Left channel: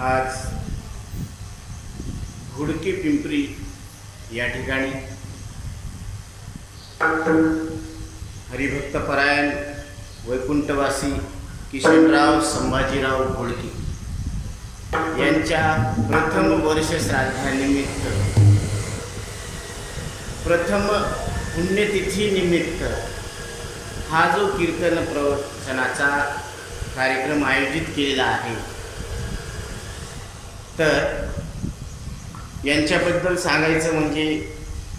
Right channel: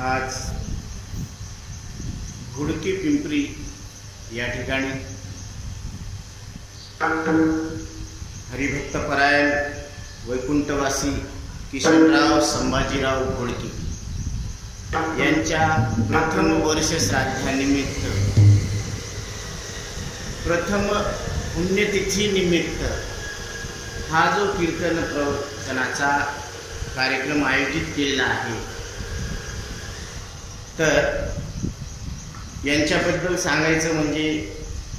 आज घोडके पिंपरी या ठिकाणी हरिभक्तपरायण वैकुंठवासी किशनराव संभाजीराव घोडके यांच्या प्रथम वर्ष श्राद्धानिमित्त, प्रथम पुण्यतिथी निमित्त हा जो कीर्तन प्रवचनाचा कार्यक्रम आयोजित केलेला आहे, तर यांच्याबद्दल सांगायचं म्हणजे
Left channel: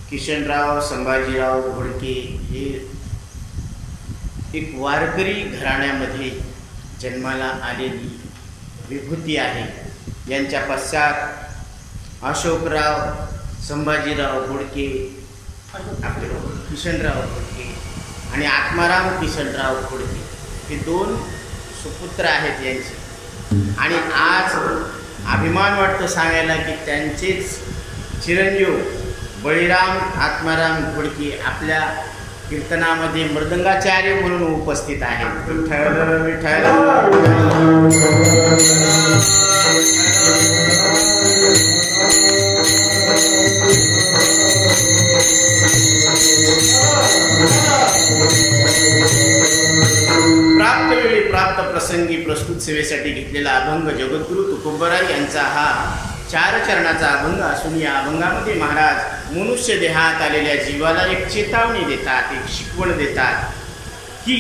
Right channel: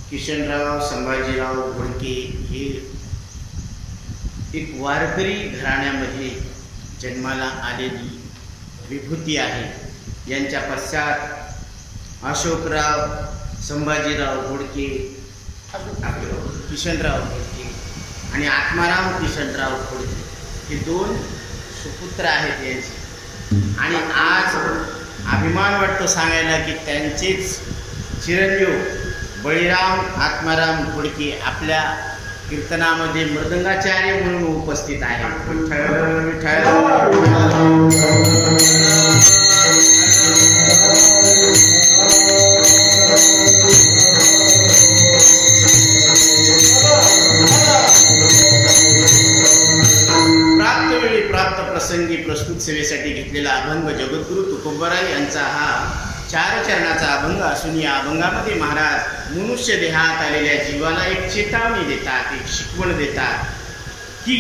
किशनराव संभाजीराव घोडके हे एक वारकरी घराण्यामध्ये जन्माला आलेली विभूती आहे। यांच्या पश्चात अशोकराव संभाजीराव घोडके, आपले किशनराव घोडके आणि आत्माराम किशनराव घोडके हे दोन सुपुत्र आहेत यांचे। आणि आज अभिमान वाटतो सांगायला की त्यांचेच चिरंजीव बळीराम आत्माराम घोडके आपल्या कीर्तनामध्ये मृदंगाचार्य म्हणून उपस्थित आहेत। विठ्ठल विठ्ठल प्राप्त वेळी प्राप्त प्रसंगी प्रस्तुत सेवेसाठी घेतलेला अभंग जगद्गुरु तुकोबराय यांचा हा 4 चरणाचा अभंग असून या अभंगामध्ये महाराज मनुष्य देहात आलेल्या जीवाला एक चेतावणी देतात, एक शिकवण देतात की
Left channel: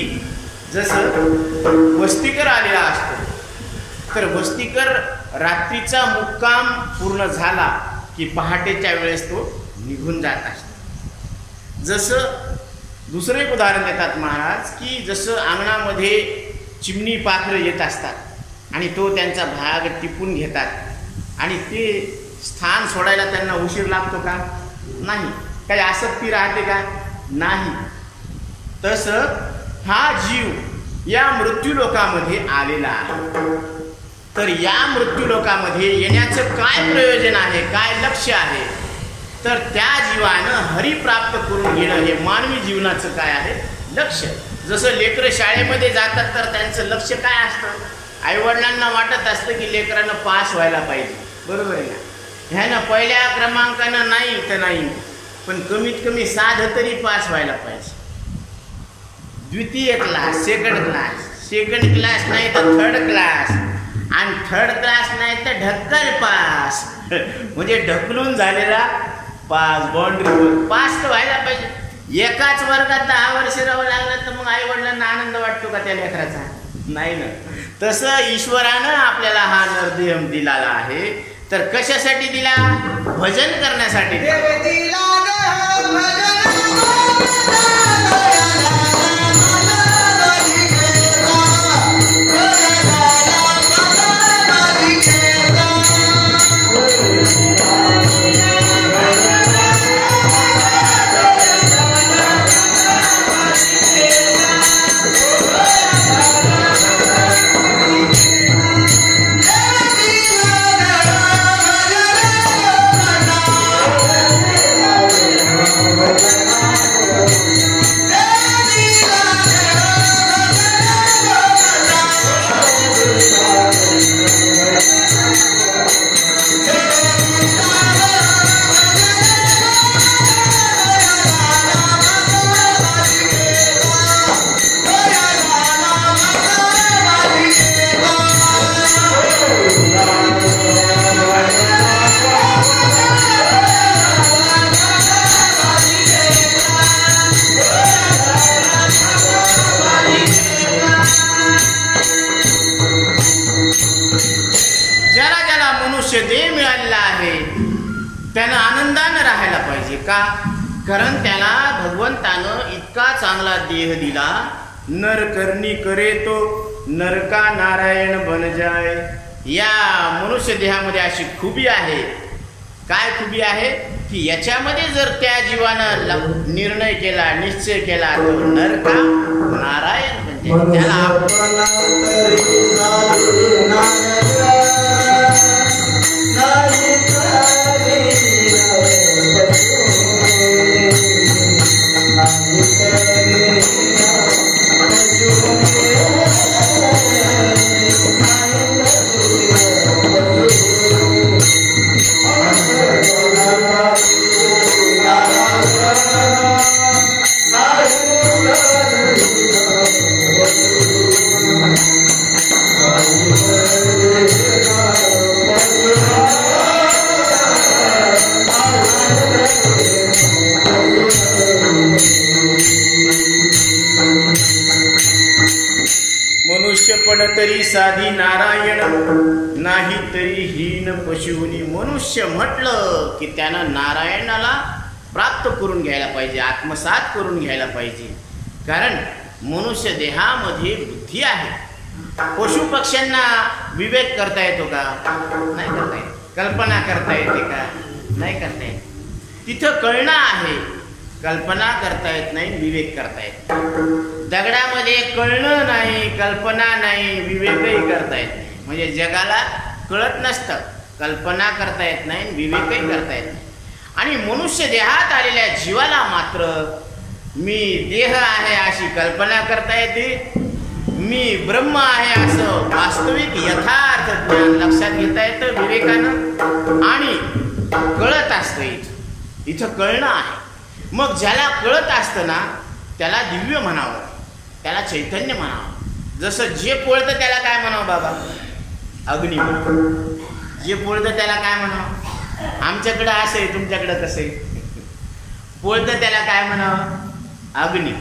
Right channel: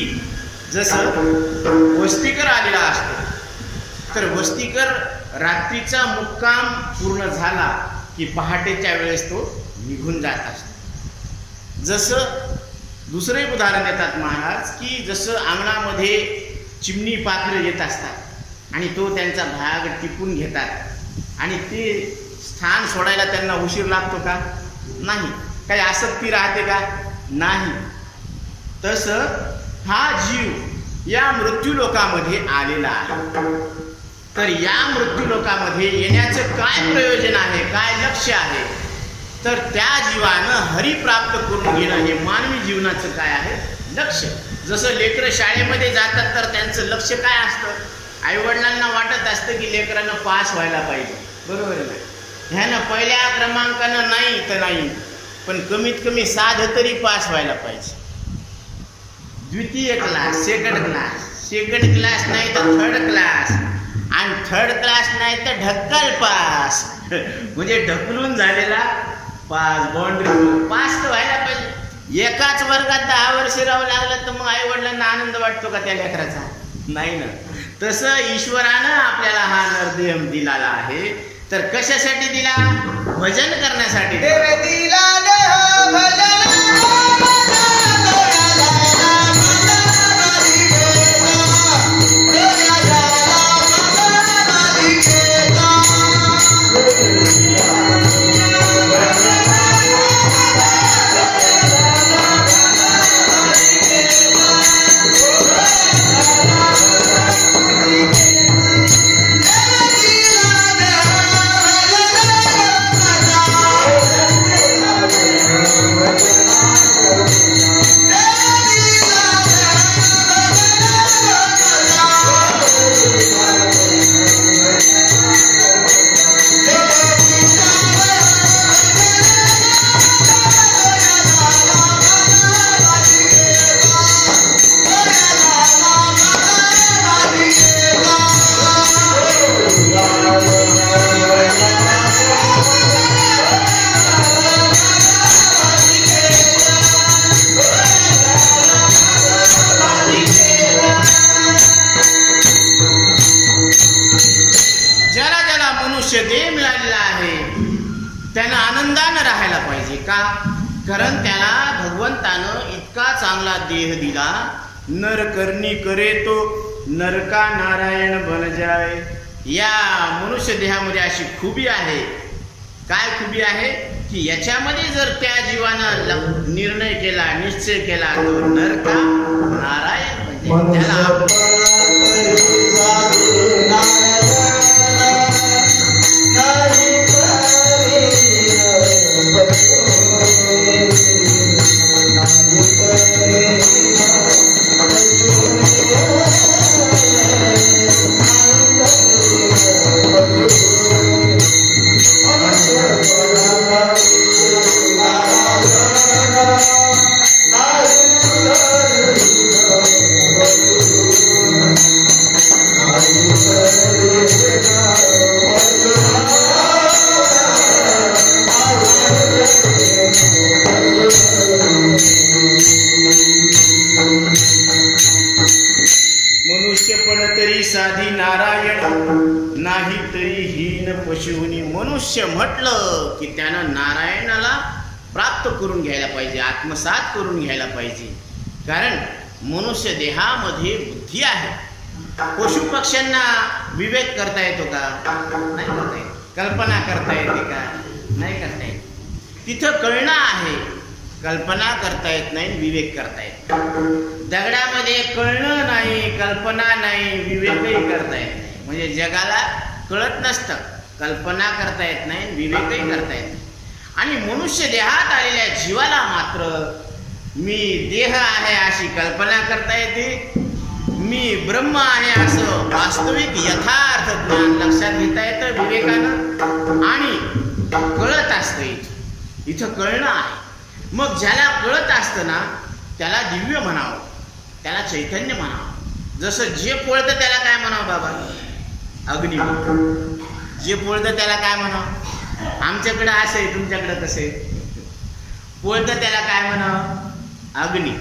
जसं वस्तीकर आलेला असतो तर वस्तीकर रात्रीचा मुक्काम पूर्ण झाला की पहाटेच्या वेळेस तो निघून जात असतो। जसं दुसरं एक उदाहरण देतात महाराज की जसं अंगणामध्ये चिमणी पाखरं येत असतात आणि तो त्यांचा भाग टिपून घेतात आणि ते स्थान सोडायला त्यांना उशीर लागतो का? नाही। काही आसक्ती राहते का? नाही। तसं हा जीव या मृत्यूलोकामध्ये आलेला आहे, तर या मृत्यूलोकामध्ये येण्याचं काय प्रयोजन आहे, काय लक्ष्य आहे, तर त्या जीवानं हरी प्राप्त करून घेणं हे मानवी जीवनाचं काय आहे लक्ष्य। जसं लेकरं शाळेमध्ये जातात तर त्यांचं लक्ष्य काय असतं? आईवडिलांना वाटत असतं की लेकरांना पास व्हायला पाहिजे, बरोबर आहे ना? ह्यानं पहिल्या क्रमांकानं नाही तर नाही, पण कमीत कमी साधं तरी पास व्हायला पाहिजे। द्वितीय क्लास, सेकंड क्लास नाही तर थर्ड क्लास, आणि थर्ड क्लास नाही तर ढक्कल पास म्हणजे ढकलून झालेला पास, बाउंड्रीवर पास तर व्हायला पाहिजे। एकाच वर्गात 10 वर्ष राहावं लागलं तर मग आई वडिलांना आनंद वाटतो का त्या लेकराचा? नाही ना। तसं ईश्वरानं आपल्याला हा नरदेह दिलेला आहे, तर कशासाठी दिला? भजन करण्यासाठी दिला। मनुष्य देह मिळालेला आहे त्यानं आनंदानं राहायला पाहिजे का? कारण त्याला भगवंतानं इतका चांगला देह दिला। नर करनी करे तो नरका नारायण बन जाय। या मनुष्य देहामध्ये अशी खूबी आहे। काय खूबी आहे की याच्यामध्ये जर त्या जीवानं निर्णय केला, निश्चय केला तो नरका नारायण बन जाय। त्याला नारायण, नाही तरी हीन पशुनी. मनुष्य म्हटलं की त्यानं नारायणाला प्राप्त करून घ्यायला पाहिजे, आत्मसात करून घ्यायला पाहिजे. कारण मनुष्य देहामध्ये बुद्धी आहे. पशु पक्ष्यांना विवेक करता येतो का? नाही करता येत. कल्पना करता येते का? नाही करता येत. तिथं कळणं आहे, कल्पना करता येत नाही, विवेक करता येत. दगडामध्ये कळणं नाही, कल्पना नाही, विवेकही करता येत नाही. म्हणजे जगाला कळत नसतं, कल्पना करता येत नाही, विवेकही करता येत नाही. आणि मनुष्य देहात आलेल्या जीवाला मात्र मी देह आहे अशी कल्पना करता येते, मी ब्रह्म आहे असं वास्तविक यथार्थ ज्ञान लक्षात घेता येतं विवेकानं. आणि कळत असतं, इथं कळणं आहे. मग ज्याला कळत असतं ना त्याला दिव्य म्हणावं, त्याला चैतन्य म्हणावं. जसं जे पोळतं त्याला काय म्हणावं बाबा? अग्नी म्हणावं. जे पोळतं त्याला काय म्हणावं? आमच्याकडं असं आहे, तुमच्याकडं कसं आहे? पोळतं त्याला काय म्हणावं? अग्नी.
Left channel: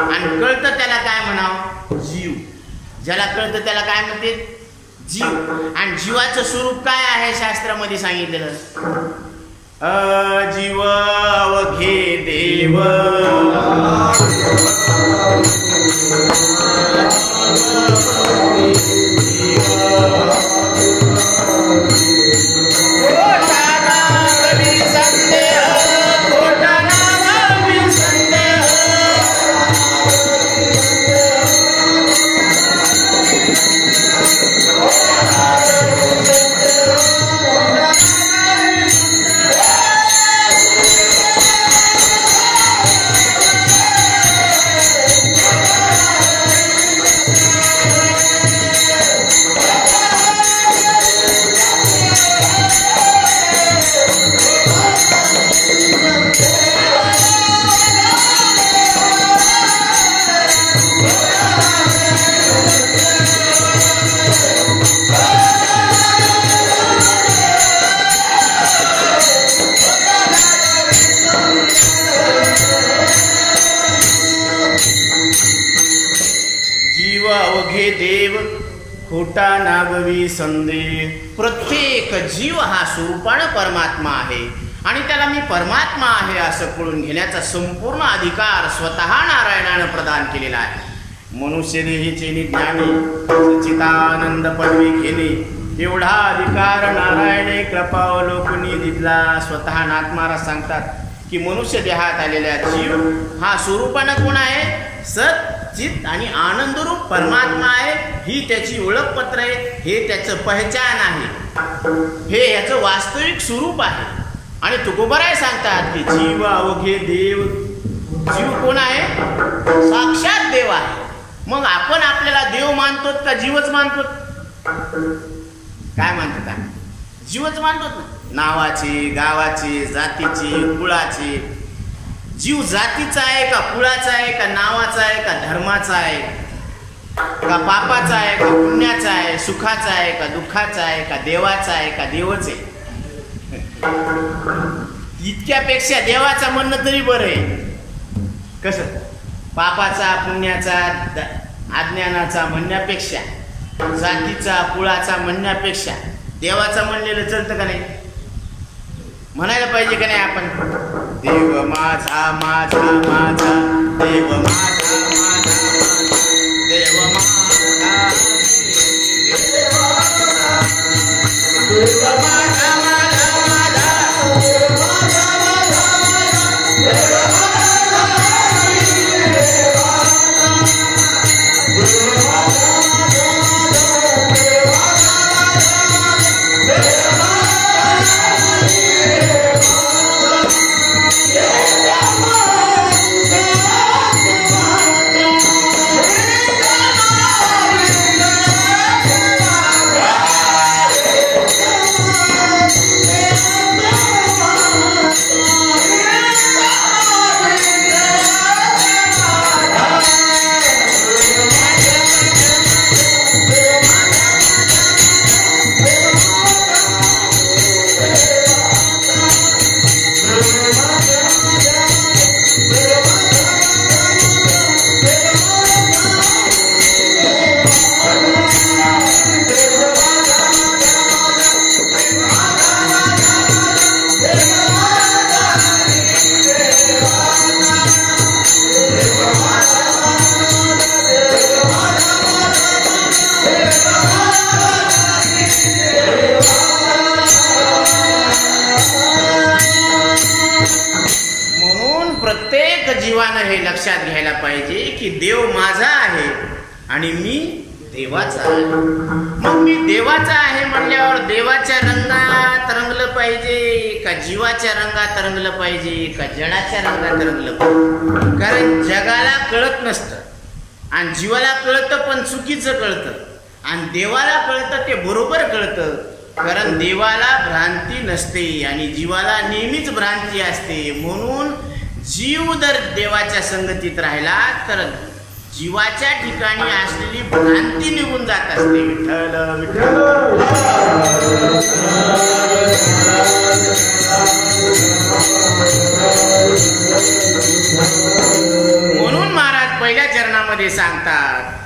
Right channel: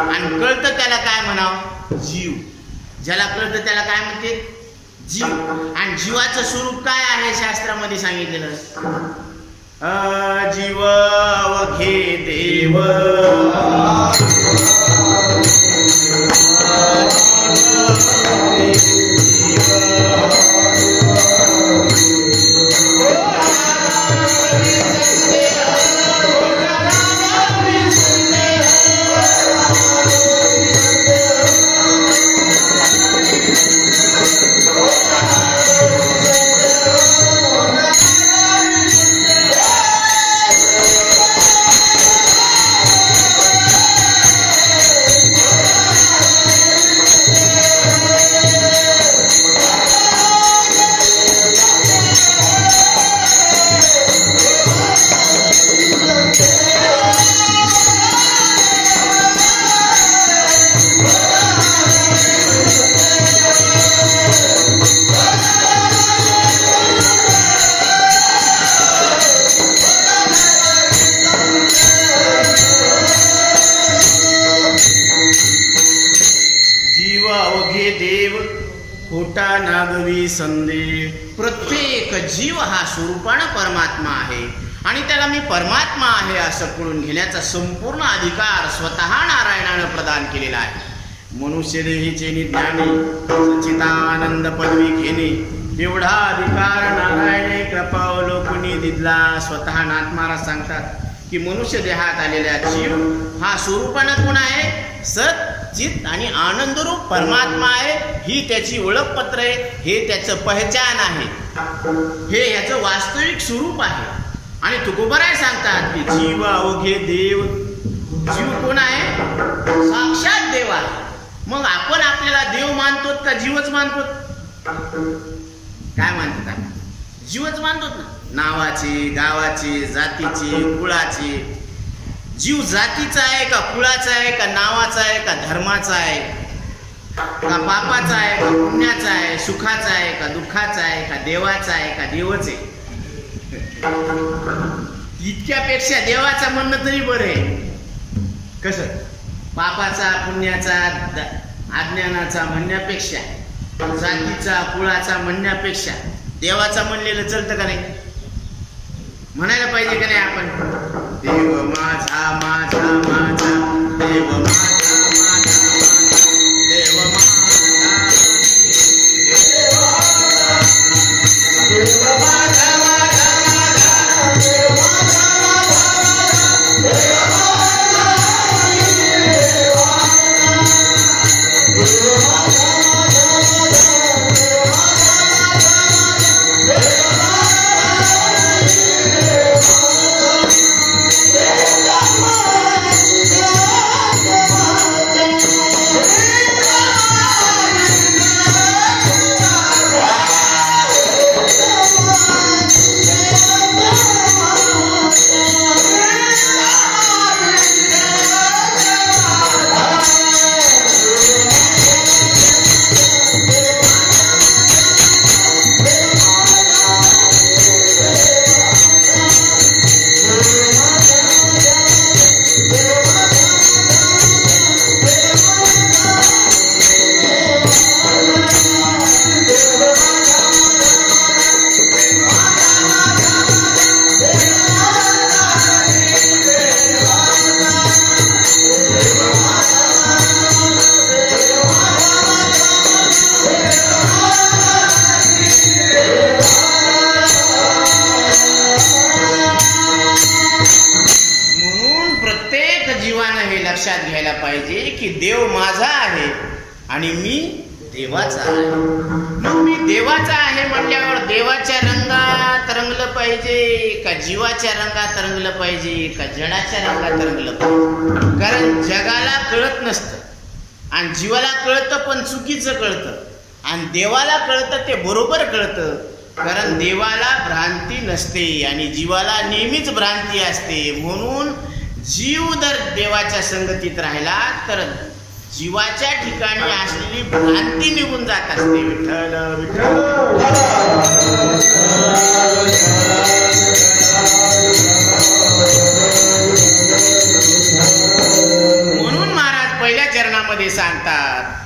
आणि कळतं त्याला काय म्हणावं? जीव. ज्याला कळतं त्याला काय म्हणते? जीव. आणि जीवाचं स्वरूप काय आहे शास्त्रामध्ये सांगितलेलं? जीव अवघे देव, अवघे देव खोटा नागवी संदेह. प्रत्येक जीव हा स्वरूपानं परमात्मा आहे आणि त्याला मी परमात्मा आहे असं कळून घेण्याचा संपूर्ण अधिकार स्वतः नारायणानं प्रदान केलेला आहे. मनुष्य देहीचे ज्ञानी सच्चिदानंद पदवी घेणे एवढा अधिकार नारायणे कृपावलोकनी दिला. स्वतः नाथ महाराज सांगतात की मनुष्य देहात आलेल्या जीव हा स्वरूपानं कोण आहे? सत चित आणि आनंदरूप परमात्मा आहे. ही त्याची ओळखपत्र आहे, हे त्याचं पहचान आहे, हे याचं वास्तविक स्वरूप आहे. आणि तुकोबराय सांगतात की जीव अवघे देव. जीव कोण आहे? साक्षात देव आहे. मग आपण आपल्याला देव मानतो का जीवच मानतो? काय मानतात? जीवच मानतो ना. नावाचे, गावाचे, जातीचे, कुळाचे. जीव जातीचा आहे का कुळाचा आहे का नावाचा आहे का धर्माचा आहे का पापाचा आहे का पुण्याचा आहे, सुखाचा आहे का दुःखाचा आहे का देवाचा आहे का देवच आहे? इतक्यापेक्षा देवाचा म्हणणं तरी बरं आहे. कसं? पापाचा पुण्याचा अज्ञानाचा म्हणण्यापेक्षा, जातीचा कुळाचा म्हणण्यापेक्षा देवाचा म्हणलेलं चलतं का नाही? म्हणायला पाहिजे का नाही आपण? देव माझा माझा माझा, देव माझा माझा माझा, देव माझा, देव माझा माझा लक्षात घ्यायला पाहिजे की देव माझा आहे आणि मी देवाचा आहे. मग मी देवाचा आहे म्हटल्यावर देवाच्या रंगात रंगलं पाहिजे का जीवाच्या रंगात रंगलं पाहिजे का जडाच्या रंगात रंगलं पाहिजे? कारण जगाला कळत नसतं आणि जीवाला कळतं पण चुकीचं कळतं, आणि देवाला कळतं ते बरोबर कळतं. कारण देवाला भ्रांती नसते आणि जीवाला नेहमीच भ्रांती असते. म्हणून जीव जर देवाच्या संगतीत राहिला तर जीवाच्या ठिकाणी असलेली भ्रांती निघून जात असते. विठ्ठल विठ्ठल. म्हणून महाराज पहिल्या चरणामध्ये सांगतात,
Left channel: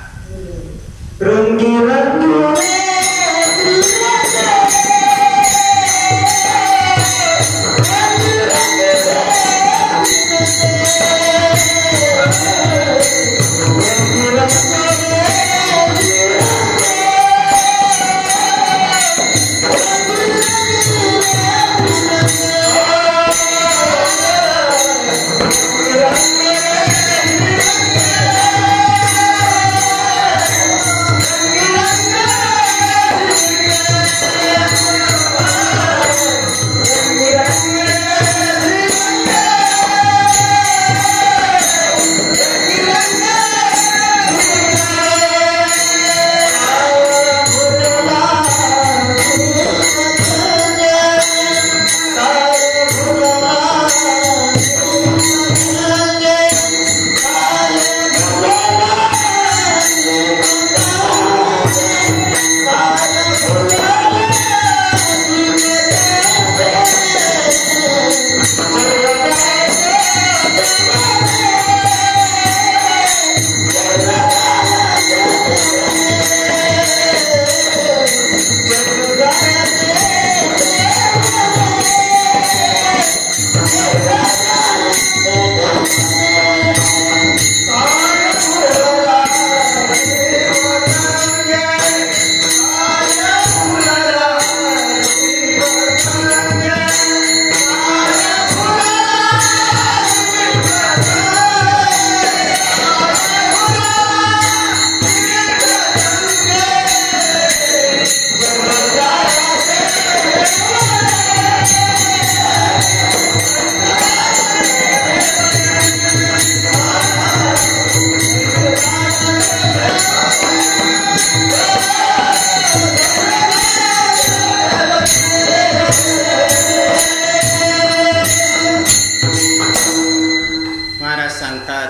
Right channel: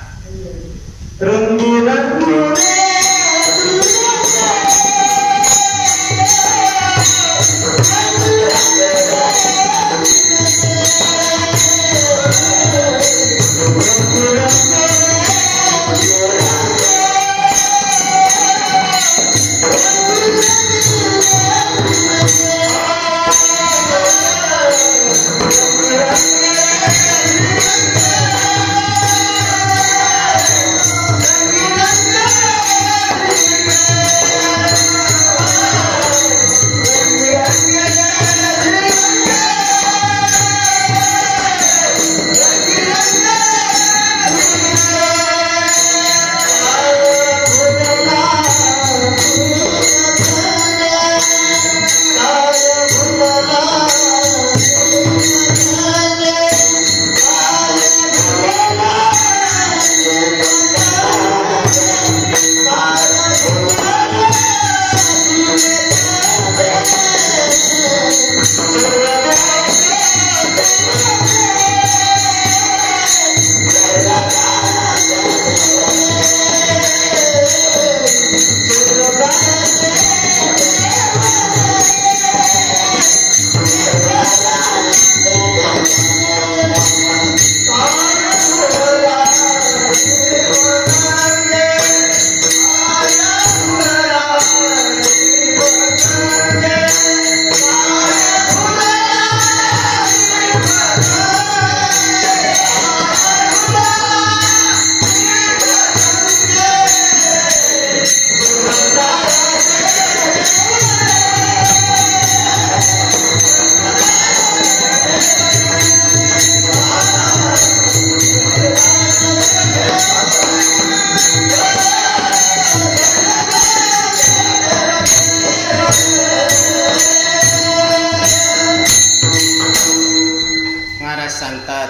सांगतात,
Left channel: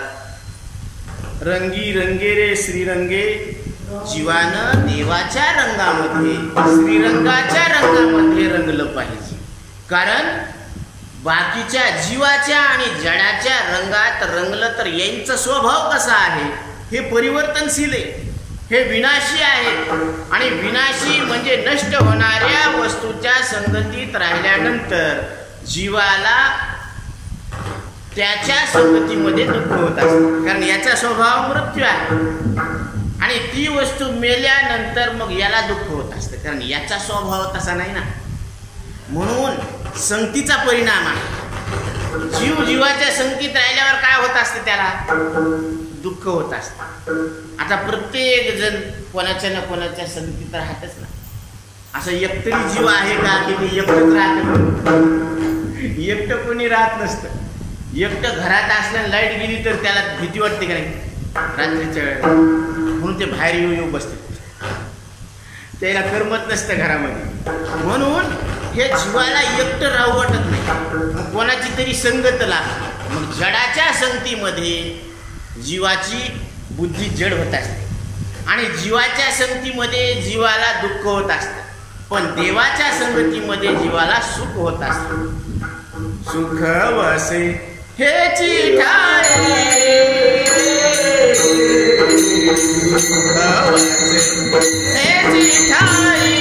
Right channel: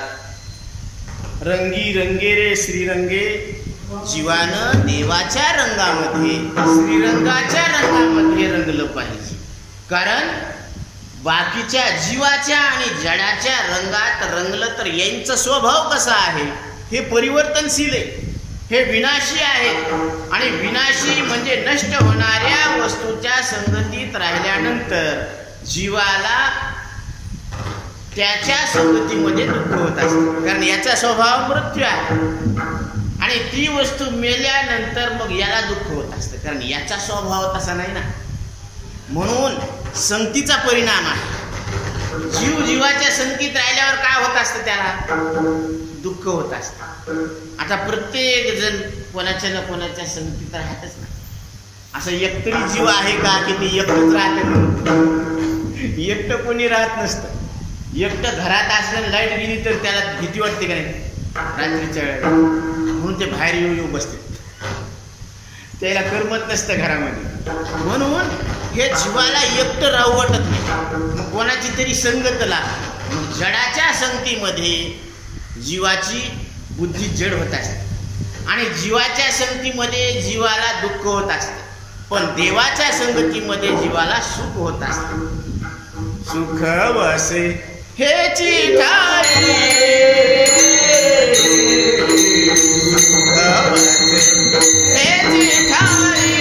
रंगी रंगे रे श्रीरंगे, जीवानं देवाच्या रंगामध्ये श्रीरंगाच्या रंगामध्ये रंगलं पाहिजे. कारण बाकीच्या जीवाच्या आणि जडाच्या रंगात रंगलं तर यांचा स्वभाव कसा आहे हे परिवर्तनशील आहे, हे विनाशी आहेत. आणि विनाशी म्हणजे नष्ट होणाऱ्या वस्तूच्या संगतीत राहिल्यानंतर जीवाला त्याच्या संगतीमध्ये दुःख होत असते. कारण याचा स्वभाव मृत्यू आहे आणि ती वस्तू मेल्यानंतर मग याला दुःख होत असतं, कारण याचा स्वभाव तसा नाही ना. म्हणून संगतीचा परिणाम आहे. जीव जीवाच्या संगतीत राहिल्यावर काय होत असतं, त्याला दुःख होत असतं. आता प्रत्येक जण कोणाच्या ना कोणाच्या संगतीत राहतच ना. असं एकतरी जीव आहे का की ते एकटंच राहतं? म्हणून एकटं कोणी राहत नसतं. एकटं घरात असल्यानं लाईट गेली तर त्याला भीती वाटते का नाही रात्रीच्या वेळेला, म्हणून ते बाहेर येऊ बसते, त्याला करमत नसतं घरामध्ये. म्हणून हे जीवाला एकटं राहू वाटत नाही, मग कोणाची तरी संगत लागते. मग जडाच्या संगतीमध्ये जीवाची बुद्धी जड होत असते आणि जीवाच्या संगतीमध्ये जीवाला दुःख होत असतं, पण देवाच्या संगतीमध्ये जीवाला सुख होत असतं. सुख वसे हेची ठाई, सुख वसे हेची ठाई,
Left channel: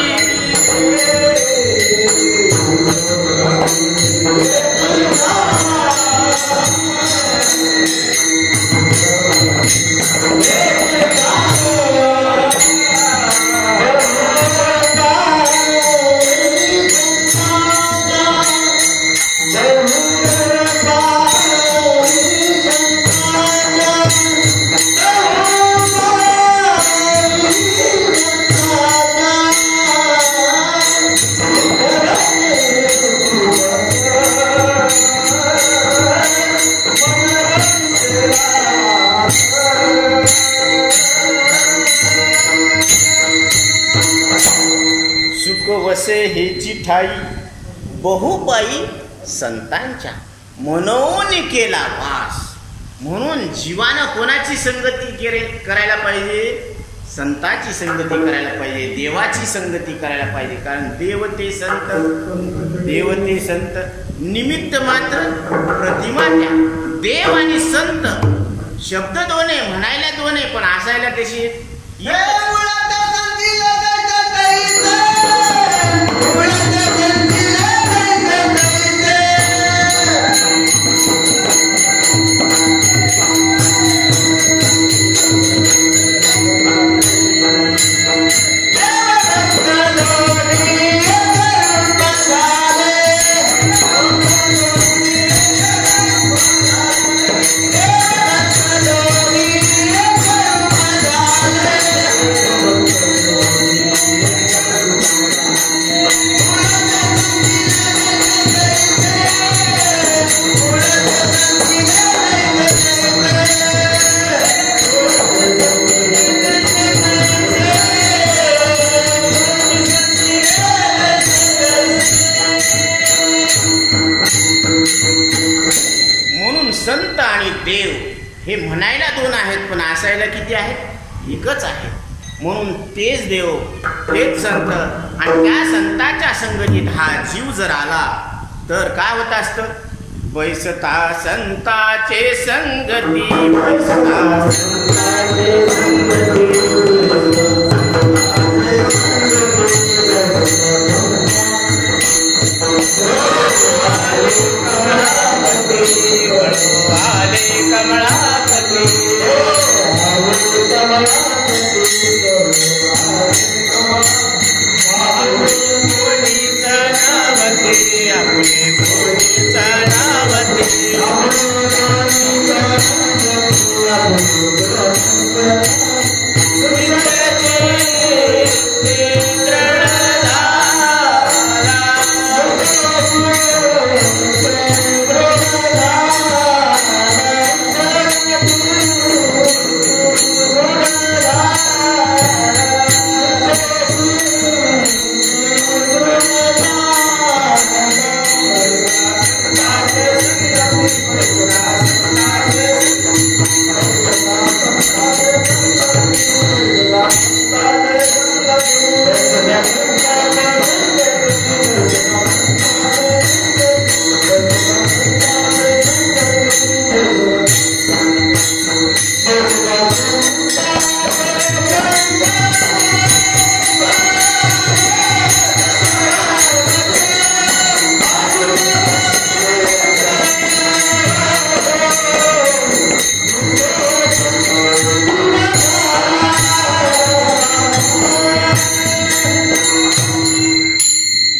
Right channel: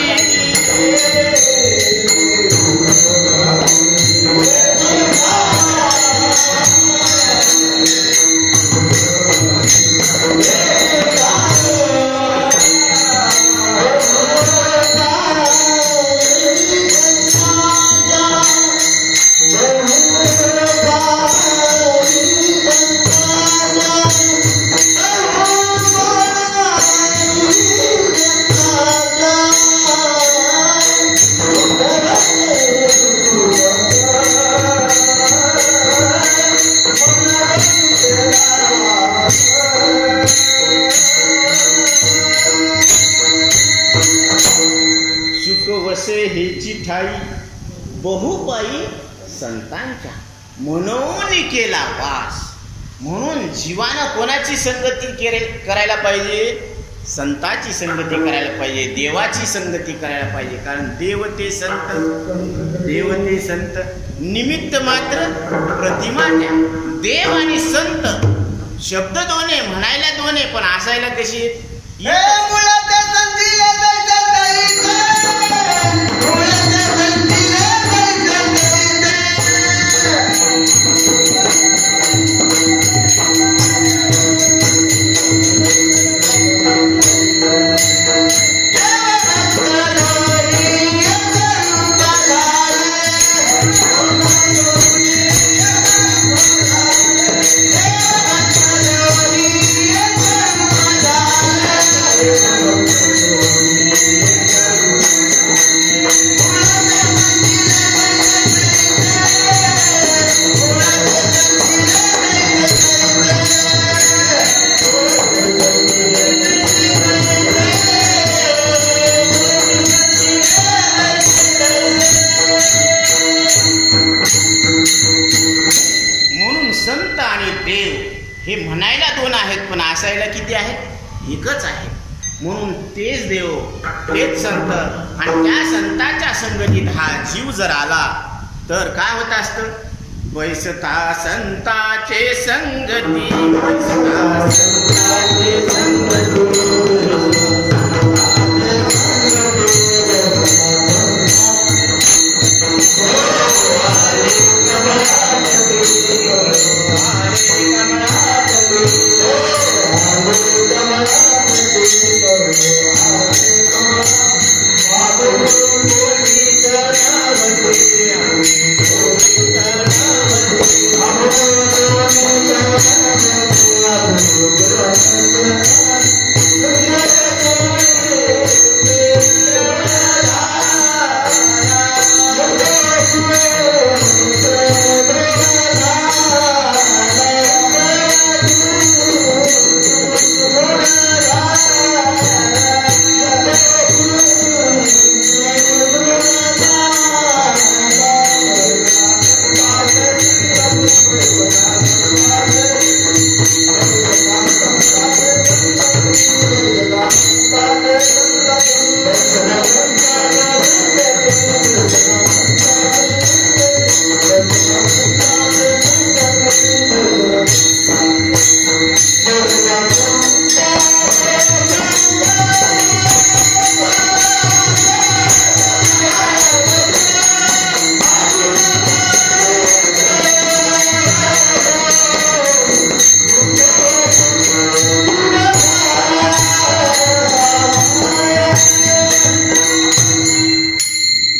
बसे हेची ठाई बहुपाई संतांच्या मनोन केला वास. म्हणून जीवानं कोणाची संगती करायला पाहिजे? संताची संगती करायला पाहिजे, देवाची संगती करायला पाहिजे. कारण देव ते संत निमित्त मात्र प्रतिमा त्या. देव आणि संत शब्द दोन आहे, म्हणायला दोन आहे, पण असायला कशी आहेत? संत आणि देव हे म्हणायला दोन आहेत, पण असायला किती आहेत? एकच आहे. म्हणून तेच देव तेच संत, आणि त्या संताच्या संगतीत हा जीव जर आला तर काय होत असतं? बैसता संताचे संगती, बैसता संताचे संगती.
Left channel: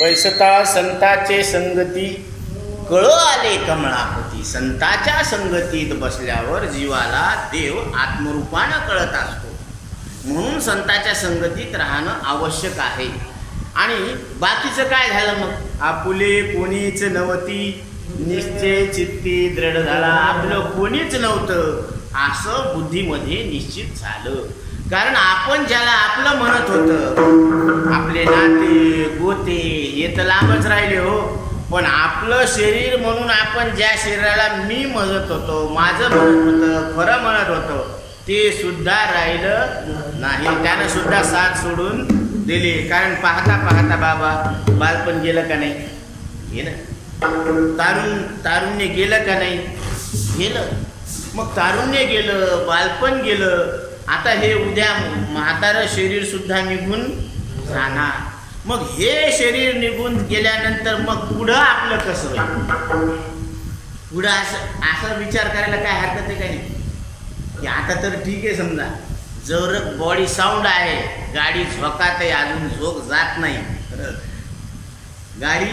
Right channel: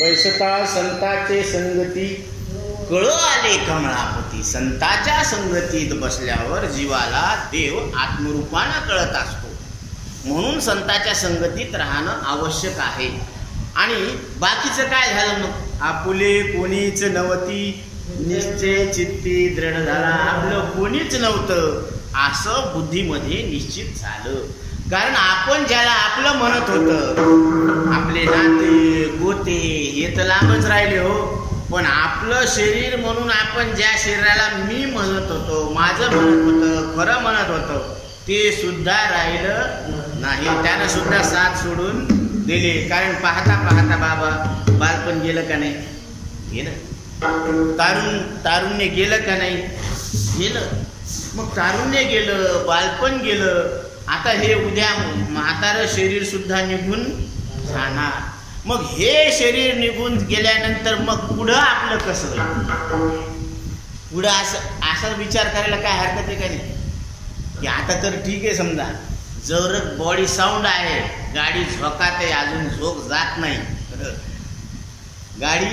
बैसता संताचे संगती कळ आले कमळापती. संताच्या संगतीत बसल्यावर जीवाला देव आत्मरूपानं कळत असतो. म्हणून संताच्या संगतीत राहणं आवश्यक आहे. आणि बाकीचं काय झालं मग? आपुले कोणीच नव्हती, निश्चय चित्ती दृढ झाला. आपलं कोणीच नव्हतं असं बुद्धीमध्ये निश्चित झालं. कारण आपण ज्याला आपलं म्हणत होतं, आपले नाते गोते हे तर लांबच राहिले हो, पण आपलं शरीर म्हणून आपण ज्या शरीराला मी म्हणत होतो, माझं म्हणत होतं, खरं म्हणत होतं, ते सुद्धा राहिलं नाही. त्यानं सुद्धा साथ सोडून दिली. कारण पाहता पाहता बाबा बालपण गेलं का नाही? गेलं. तारुण्य गेलं का नाही? गेलं. मग तारुण्य गेलं, बालपण गेलं. आता हे उद्या म्हातारं शरीर सुद्धा निघून जाणार. मग हे शरीर निघून गेल्यानंतर मग पुढं आपलं कसं होईल? पुढं असं विचार करायला काय हरकत आहे का नाही? की आता तर ठीक आहे, समजा जवळ बॉडी साऊंड आहे, गाडी झोकात आहे, अजून झोक जात नाही. गाडी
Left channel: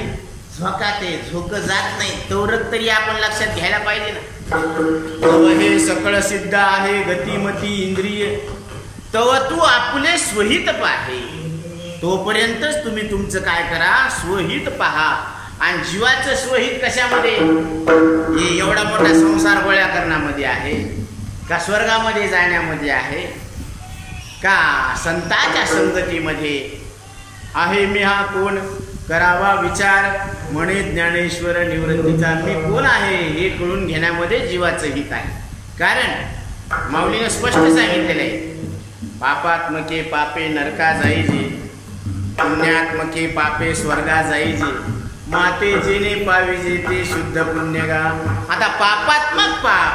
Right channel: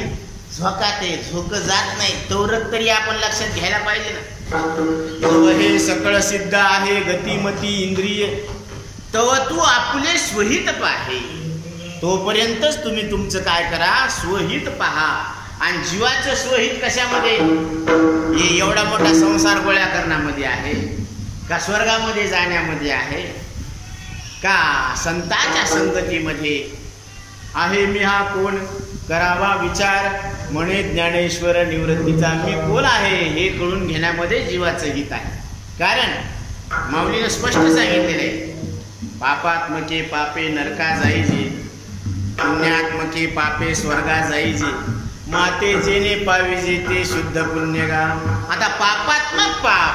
झोकात आहे, झोक जात नाही, तोरक तरी आपण लक्षात घ्यायला पाहिजे ना. तव हे सकळ सिद्ध आहे गतिमती इंद्रिय, तव तू आपले स्वहित पाहे. तोपर्यंतच तुम्ही तुमचं काय करा? स्वहित पहा. आणि जीवाचं स्वहित कशामध्ये? हे एवढा मोठा संसार गोळ्या करण्यामध्ये आहे का? स्वर्गामध्ये जाण्यामध्ये आहे का? संताच्या संगतीमध्ये आहे मी हा कोण, करावा विचार, म्हणे ज्ञानेश्वर निवृत्तीचा. मी कोण आहे हे कळून घेण्यामध्ये जीवाचं हित आहे. कारण माऊलीनं स्पष्ट सांगितलेलं आहे, पापात्मके पापे नरका जाईजे, पुण्यात्मके पापे स्वर्गा जाईजे, माते जेने पाविजे ते शुद्ध पुण्यगा. आता पापात्मक पाप,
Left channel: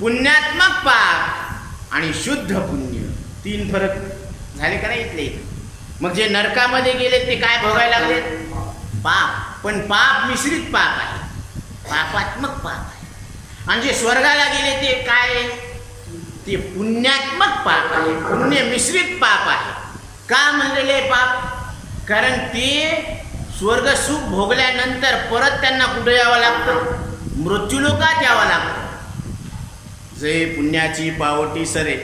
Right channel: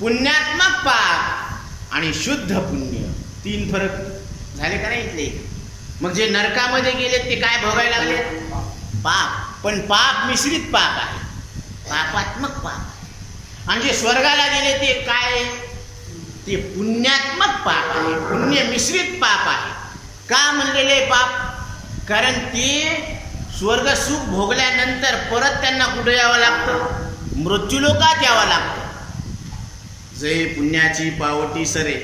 पुण्यात्मक पाप आणि शुद्ध पुण्य, 3 फरक झाले का नाही इथले. मग जे नरकामध्ये गेलेत ते काय भोगायला लागलेत? पाप. पण पाप मिश्रित पाप आहे, पापात्मक पाप आहे. आणि जे स्वर्गाला गेले ते काय? ते पुण्यात्मक पाप आहे, पुण्य मिश्रित पाप आहे. का म्हणलेले पाप? कारण ते स्वर्ग सुख भोगल्यानंतर परत त्यांना कुठे यावं लागतं? मृत्यूलोकात यावं लागतं. जय पुण्याची पावटी सरे,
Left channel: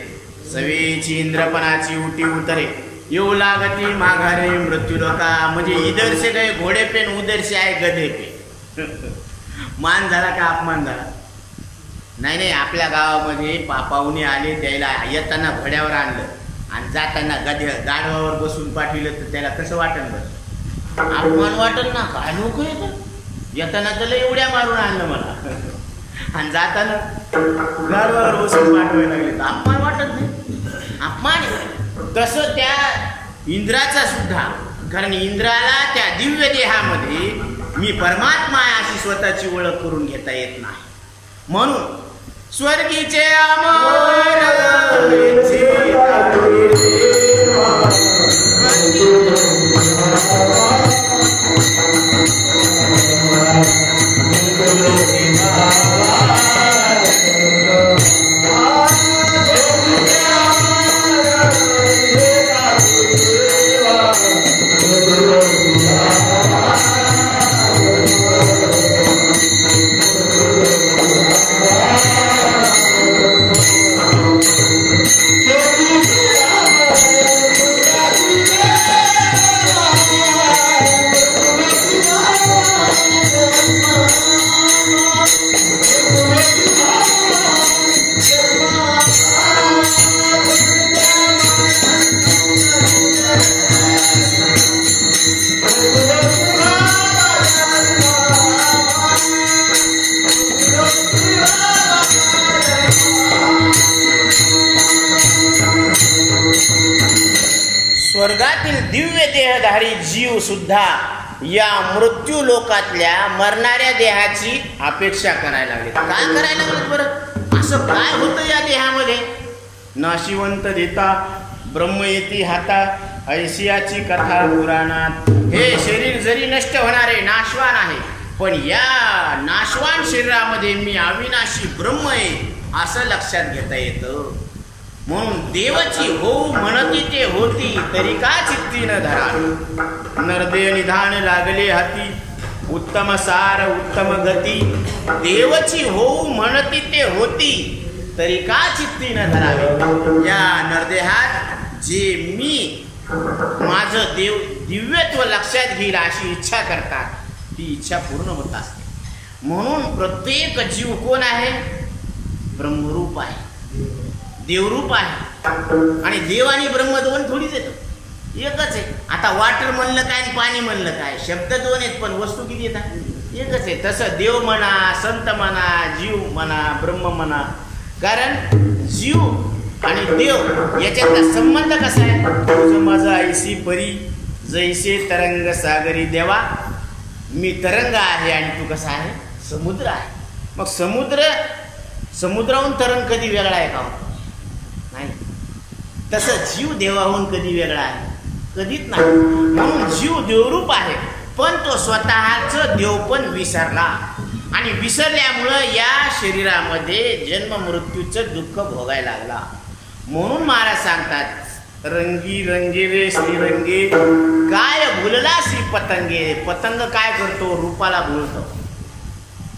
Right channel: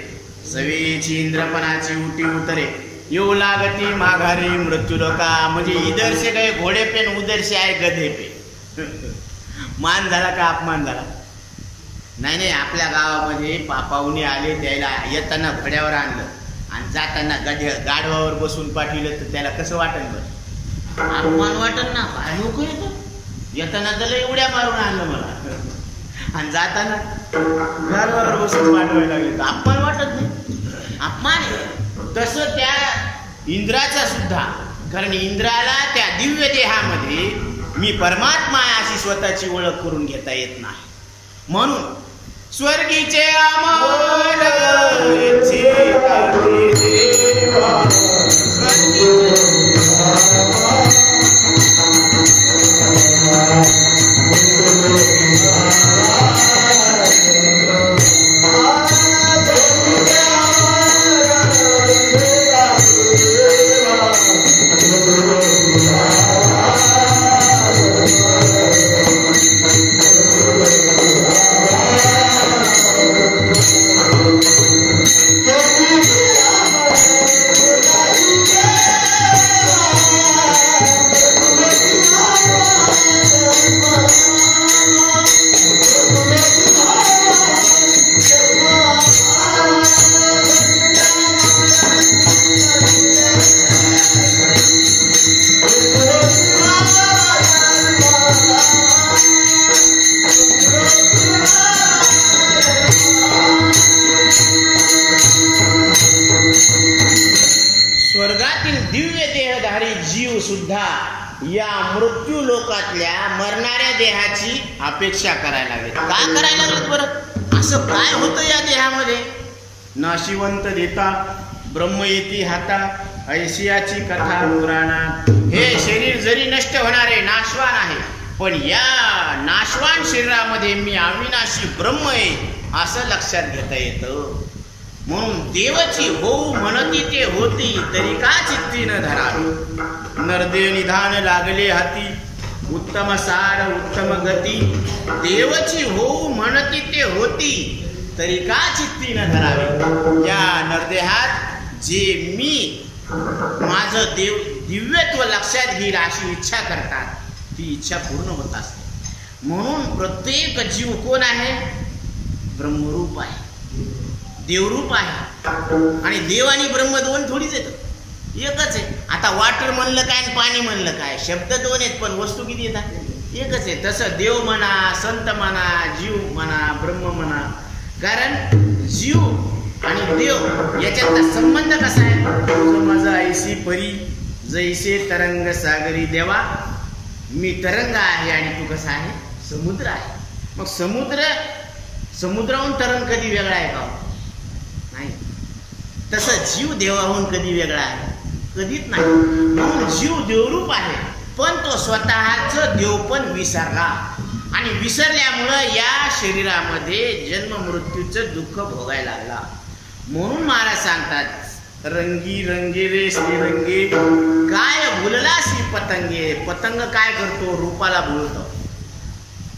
सवेची इंद्रपणाची उटी उतरे, येऊ लागती माघारे मृत्यूलोका. म्हणजे इधर से गए घोडे पे, उधर से आए गधे पे. मान झाला का अपमान झाला? नाही. आपल्या गावामध्ये पाहुणे आले, त्याला येताना घोड्यावर आणलं आणि जाताना गाढवावर बसून पाठविलं, तर त्याला कसं वाटेल बरं? अपमान वाटेल ना. काय लोक येताना त्याला एवढ्या मारून आणलं मला, आणि जाताना गाढवावर बसून पाठवायला लागले, तर अपमान वाटत नाही? अपमान आहे. तसं त्या इंद्राचा सुद्धा, कारण इंद्राला त्या दिव्य देहामध्ये मी परमात्मा आहे अशी स्वतःची ओळख करून घेता येत नाही. म्हणून स्वर्गीचे अमर सुद्धा या मृत्यू लोकातल्या मरणाऱ्या देहाची अपेक्षा करायला लागले. का करायला लागलेत बरं? असं काय होतं या देहामध्ये? नाशिवंत देता ब्रह्म येती हाता, ऐशियाची कथा पुराणात. हे शरीर जरी नष्ट होणारे नाशवान आहे, पण या नाशवान शरीरामध्ये मी अविनाशी ब्रह्म आहे असं लक्षात घेता येतं. म्हणून देवची होऊ म्हणती ते होती, तरी का चित्ती न धरावी. नरदेह निधान लागले हाती, उत्तम सार उत्तम गती. देवची होऊ म्हणती ते होती, तरी का चित्ती न धरावे. या नरदेहात जे मी माझं दिव्यत्व लक्षात घेईल अशी इच्छा करतात, ती इच्छा पूर्ण होत असते. म्हणून प्रत्येक जीव कोण आहे? ब्रह्मरूप आहे, देवरूप आहे. आणि देव आणि ब्रह्म दोन थोडीच येतं, एकच आहे. आता वॉटर म्हणलं काय आणि पाणी म्हणलं काय, शब्द दोन आहेत पण वस्तू किती येतात? एकच आहे. तसं देव म्हणा, संत म्हणा, जीव म्हणा, ब्रह्म म्हणा. कारण जीव आणि देव याच्यातला संबंध कसा आहे? तुझं माझं ऐसी परी जैसे तरंग सागरी. देवा मी तरंग आहे आणि तू कसा आहे? समुद्र आहे. मग समुद्राहून तरंग कधी वेगळा आहे का? नाही. तसं जीव देवाहून कधी वेगळा आहे? कधीच नाही. म्हणून जीव देवरूप आहे, पण तो स्वतःचं देवपण विसरला. आणि विसरल्यामुळं या शरीरामध्ये जन्म मृत्यूचं दुःख भोगायला लागला. म्हणून महाराज सांगतात, रंगी रंगे रे श्रीरंगे, काय भुलला श्री पतंगे. पतंग काय करतो? रूपाला भुलतो.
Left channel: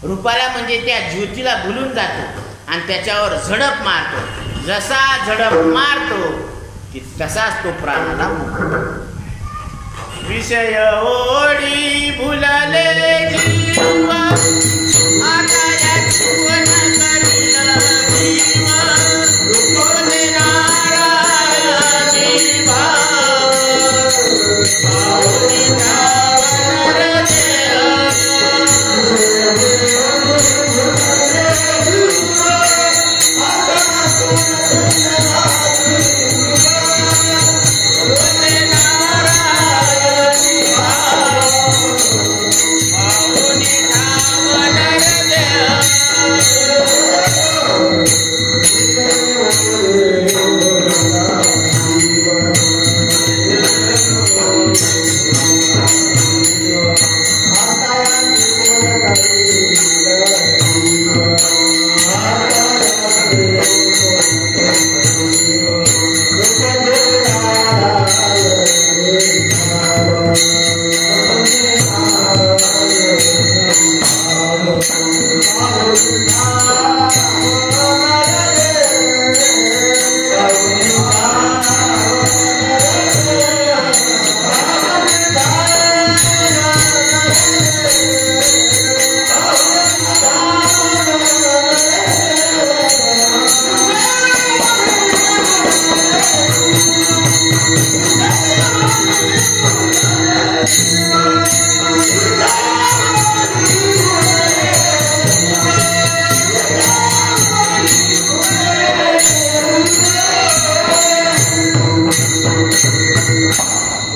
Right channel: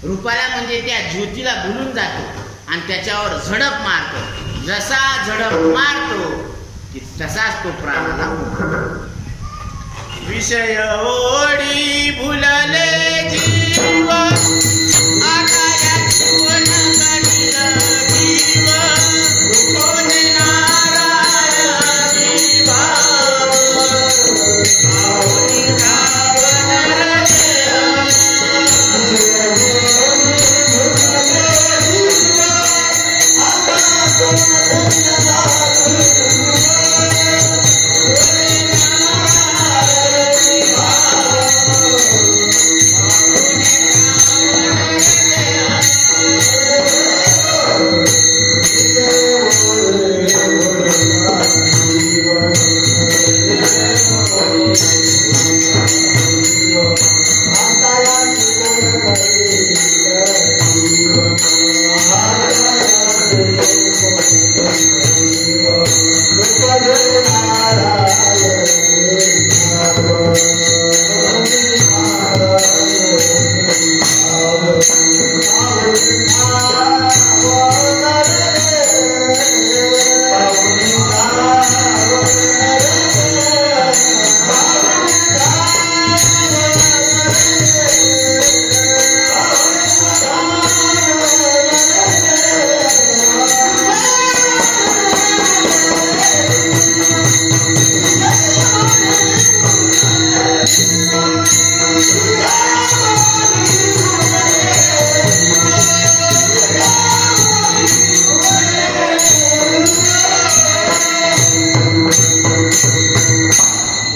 रूपाला म्हणजे त्या ज्योतीला भुलून जातो आणि त्याच्यावर झडप मारतो. जसा झडप मारतो की तसाच तो प्राणाला मुक्तो. विषय ओढी भुलले जीव, आता या जीवन करील जीव, नारायणी भाव.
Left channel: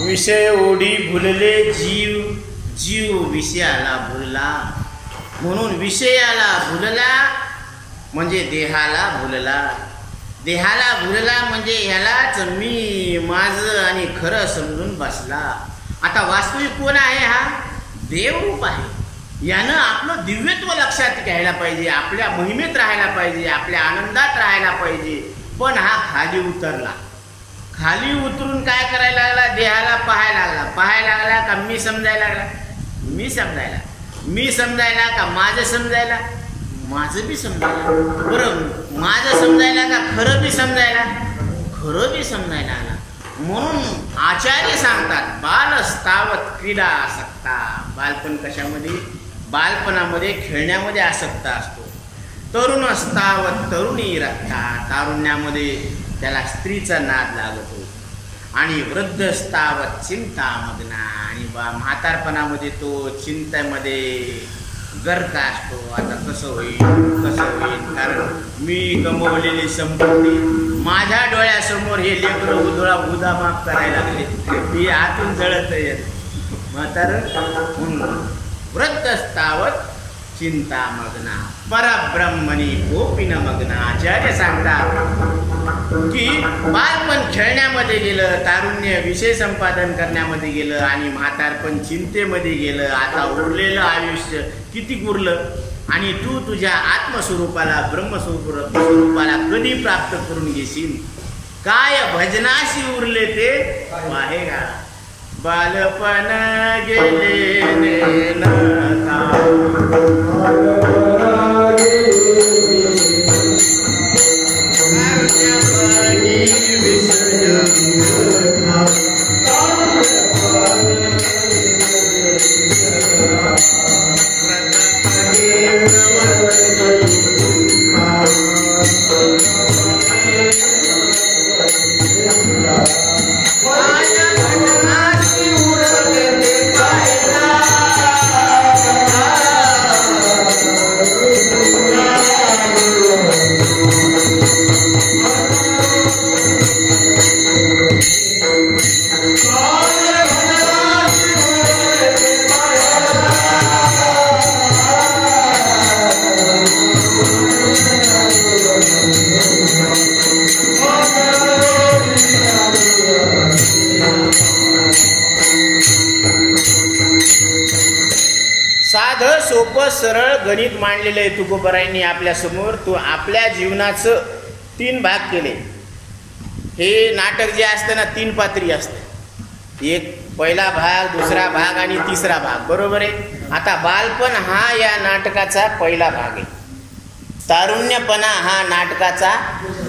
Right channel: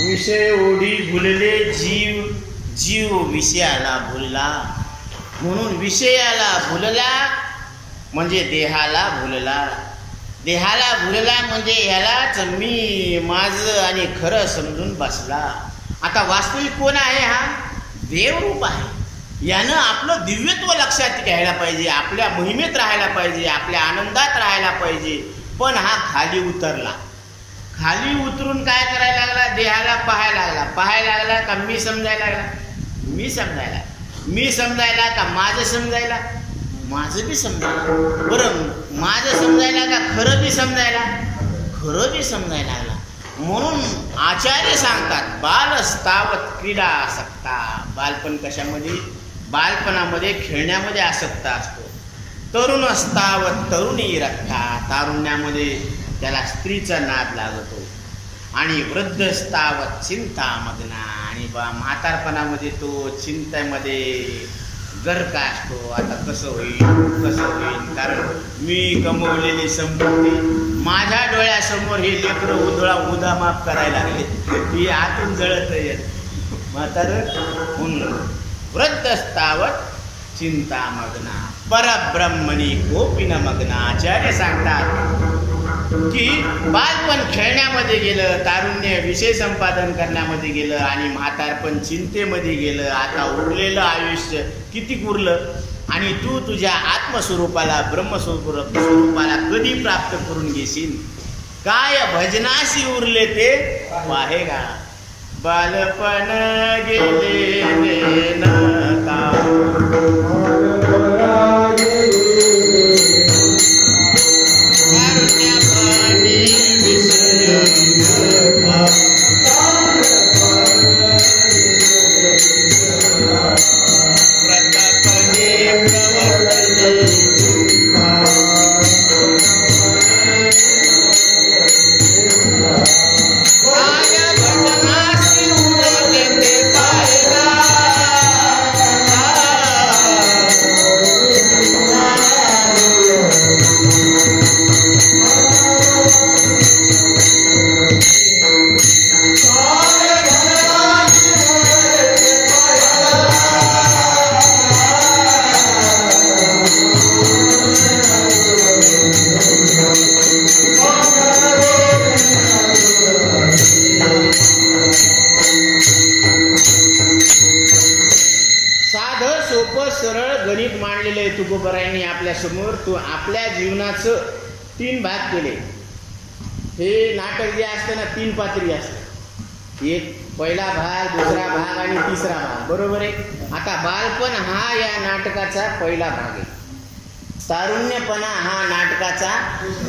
विषय ओढी भुलले जीव, जीव विषयाला भुलला. म्हणून विषयाला भुलला म्हणजे देहाला भुलला. देहाला भुलला म्हणजे ह्यालाच मी माझं आणि खरं समजून बसला. आता वास्तविक कोण आहे? हा देवरूप आहे. यानं आपलं दिव्यत्व लक्षात घ्यायला पाहिजे, आपल्या महिमेत राहायला पाहिजे, आपल्या आनंदात राहायला पाहिजे. पण हा खाली उतरला. खाली उतरून काय करायला लागला? देहाला पाहायला लागला का मी समजायला लागला? मी समजायला का माझं समजायला? माझं बी समजायला. बरं, माझं समजायला का खरं बी समजायला? खरं बी समजायला लागला. म्हणून आचार्य सांगतात बालस्तावत क्रीडा आसक्ता. बालपण कशामध्ये? बालपणामध्ये खेळण्यामध्ये आसक्त असतो. तरुण अस्तावत तरुणी रक्ता. तारुण्यामध्ये त्याला स्त्रीचा नाद लागतो. आणि वृद्धस्तावत चिंता मग्ना. आणि म्हातारपणामध्ये तो चिंतेमध्ये गर्क असतो. आता कसं होईल, कारण मी गमवलेली संपत्ती माझ्या डोळ्यासमोर हे लेकरं उदामाप करायला लागले. ती आतून जळत म्हातार. वृद्धस्तावत चिंता मग्ना परब्रह्मणी गोपीन मग्ना. आचार्य सांगतात की बालपण खेळण्यामध्ये गेलं, तारुण्य विषय संपादन करण्यामध्ये गेलं आणि म्हातारपण चिंतेमध्ये गेलं. आता उरलेलं आयुष्य किती उरलं? आणि तू तुझ्या आत्मस्वरूपाला, ब्रह्मस्वरूपाला कधी प्राप्त करून घेशील? काय भजनाशी उरले ते पाहेगा. बालपण गेले नका. सरळ गणित मांडलेलं आहे तुकोबारायांनी आपल्या समोर. तो आपल्या जीवनाचं 3 भाग केले. हे नाटक जे असतं ना 3 पात्री असतं. एक पहिला भाग, दुसरा भाग आणि तिसरा भाग. बरोबर आहे. आता बालपण हा या नाटकाचा पहिला भाग आहे. तारुण्यपणा हा नाटकाचा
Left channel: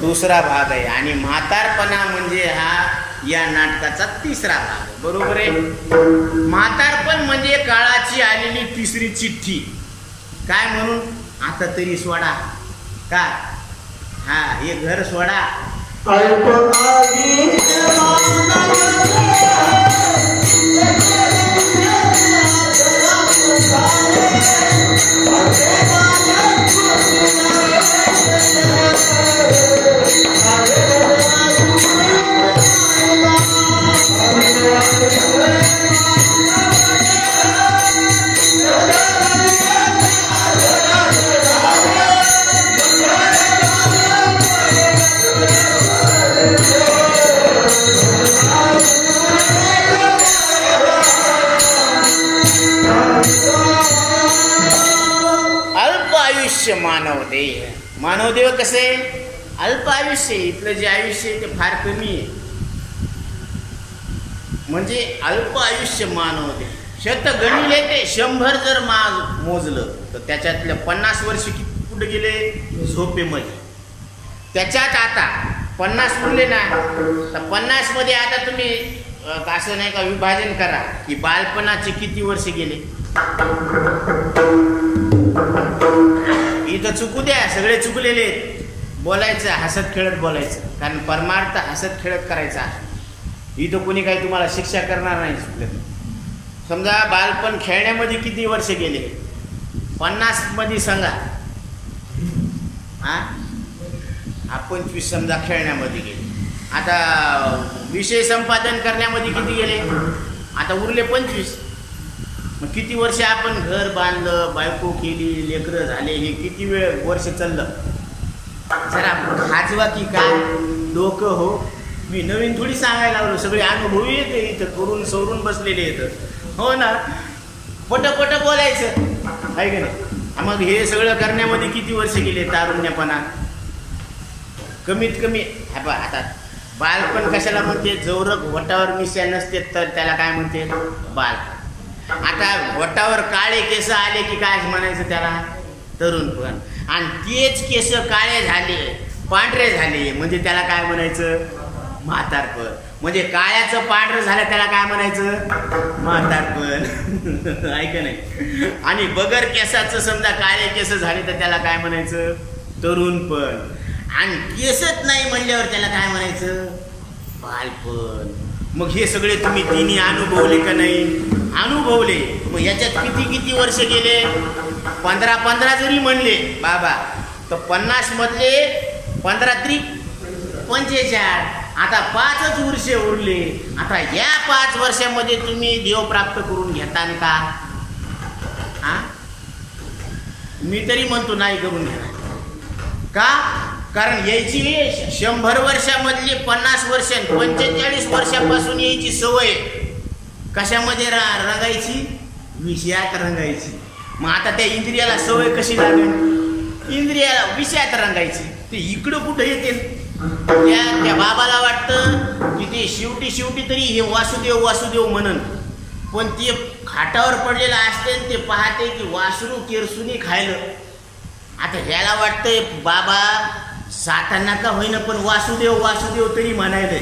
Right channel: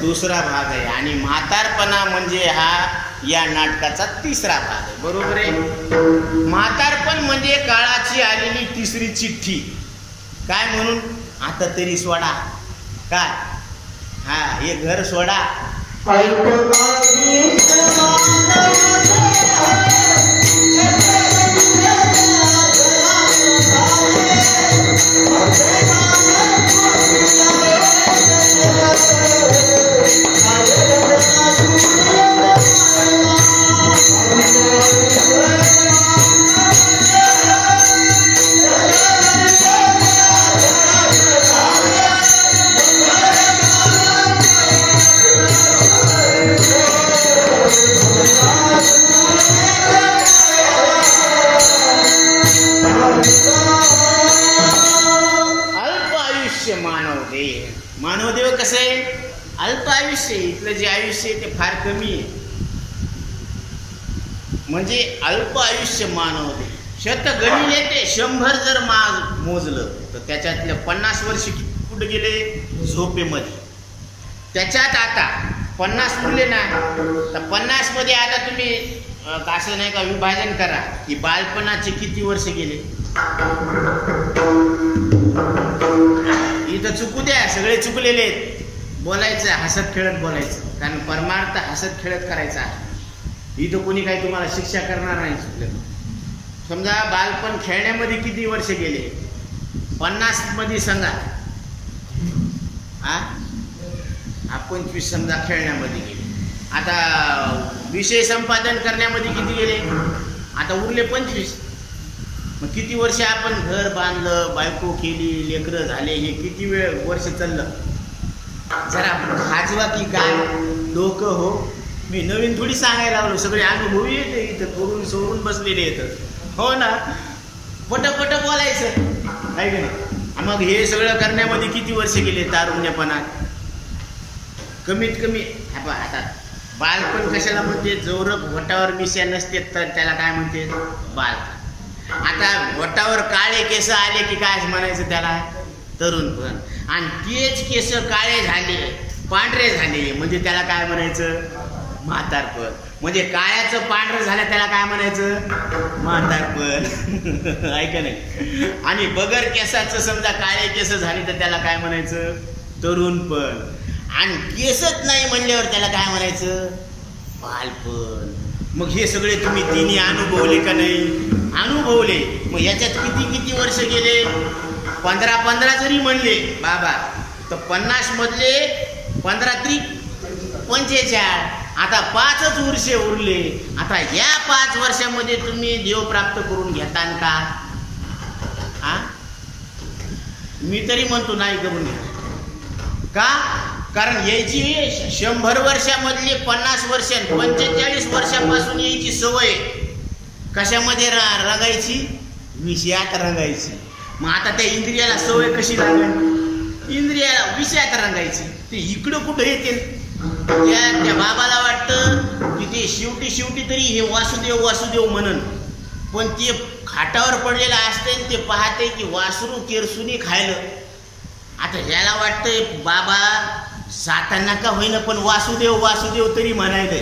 दुसरा भाग आहे. आणि म्हातारपणा म्हणजे हा या नाटकाचा तिसरा भाग आहे. बरोबर आहे. म्हातारपण म्हणजे काळाची आलेली तिसरी चिठ्ठी. काय म्हणून? आता तरी सोडा. काय? हा, हे घर सोडा. मानवदेव कसे? अल्प आयुष्य. इथलं जे आयुष्य आहे ते फार कमी आहे. म्हणजे अल्प आयुष्य मानवदेव. 100 गणिले ते 100 जर मोजलं तर त्याच्यातल्या 50 वर्ष कुठे गेले? झोपेमध्ये. त्याच्यात आता 50 उरले ना, तर 50 मध्ये आता तुम्ही असं नाही का विभाजन करा की बालपणाचे किती वर्ष गेले. इथं चुकू द्या, सगळे चुकलेले आहेत. बोलायचं हसत खेळत बोलायचं, कारण परमार्थ हसत खेळत करायचा. इथं कोणी काही तुम्हाला शिक्षा करणार नाही चुकलं. समजा बालपण खेळण्यामध्ये किती वर्ष गेले? 50 मध्ये सांगा. हा 25 समजा खेळण्यामध्ये गेले. आता विषय संपादन करण्यामध्ये किती गेले? आता उरले 25. मग किती वर्ष आपण घर बांधलं, बायको केली, लेकरं झाले, हे किती वेळ वर्ष चाललं? जरा खाजवा की काय डोकं हो. मी नवीन थोडी सांगायला लागलो, सगळे अनुभवी येते इथं, करून सोडून बसलेले येतं. हो ना, पटपट बोलायचं आहे का नाही? मग हे सगळं करण्यामध्ये किती वर्ष गेले तारुण्यपणात? कमीत कमी आता बालपण कशाला म्हणते? जवरक वटावर मिश्या नसते तर त्याला काय म्हणते? बालपण. आता वटावर काळे केस आले की काय म्हणायचं त्याला? तरुणपण. आणि तेच केस काळे झाले, पांढरे झाले म्हणजे त्याला काय म्हणायचं? म्हातारपण. म्हणजे काळ्याचं पांढरं झालं त्याला काय म्हणायचं? म्हातारपण. ऐक नाही. आणि बगर केसाचं समजा काळे केस झाले तर त्याला काय म्हणायचं? तरुणपण. आणि केसच नाही म्हणल्यावर त्याला काय म्हणायचं? बालपण. मग हे सगळे तुम्ही तिन्ही अनुभवले का नाही? अनुभवले. मग याच्यात किती किती वर्ष गेले? 15 जरी म्हणले बाबा तर 50 मधले 15 त्रिक 45. आता 5च वर्षे उरले. आता या 5 वर्षामध्ये तुम्ही देव प्राप्त करून घेतान का? हा मी तरी म्हणतो नाही करून घेणार. का? कारण यायची 100 वर्षामधली 50 वर्ष 45 वर्षापासून यायची सवय कशामध्ये रंगायची? विषयात रंगायची. मग आता त्या इंद्रियाला सवय कशी लागेल? इंद्रियाला विषयात रंगायची. ते इकडं कुठं येते? त्या बाबाला वाटतं की ते शेवटी तरी हे वासुदेव वासुदेव म्हणन, पण ते खाटावर पडलेलं असते ते पाहते की वासरू केरसुनी खायलं. आता ह्याला वाटतंय बाबा सातांना का होईना पण वासुदेव वासुदेव तरी म्हणायलंय,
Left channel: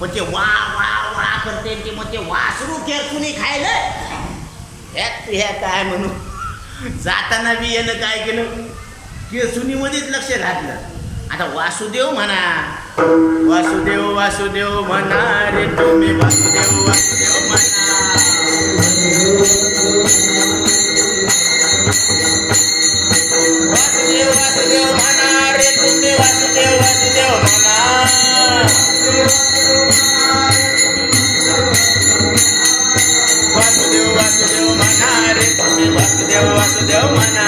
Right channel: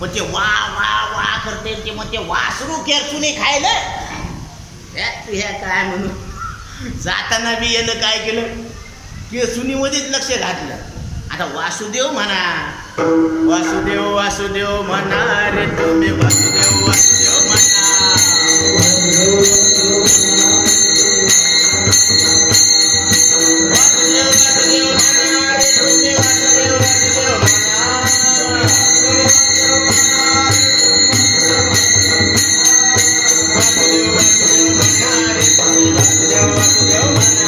पण ते वा वा वा करते ते मग ते वासरू केरसुनी खायलं. ह्या काय म्हणू? जाताना बी यानं काय केलं? केरसुनीमध्येच लक्ष घातलं. आता वासुदेव म्हणा, वासुदेव वासुदेव म्हणा रे तुम्ही, वासुदेव वासुदेव म्हणा. वासुदेव वासुदेव म्हणा रे तुम्ही, वासुदेव वासुदेव म्हणा. वासुदेव वासुदेव म्हणा रे तुम्ही, वासुदेव वासुदेव म्हणा.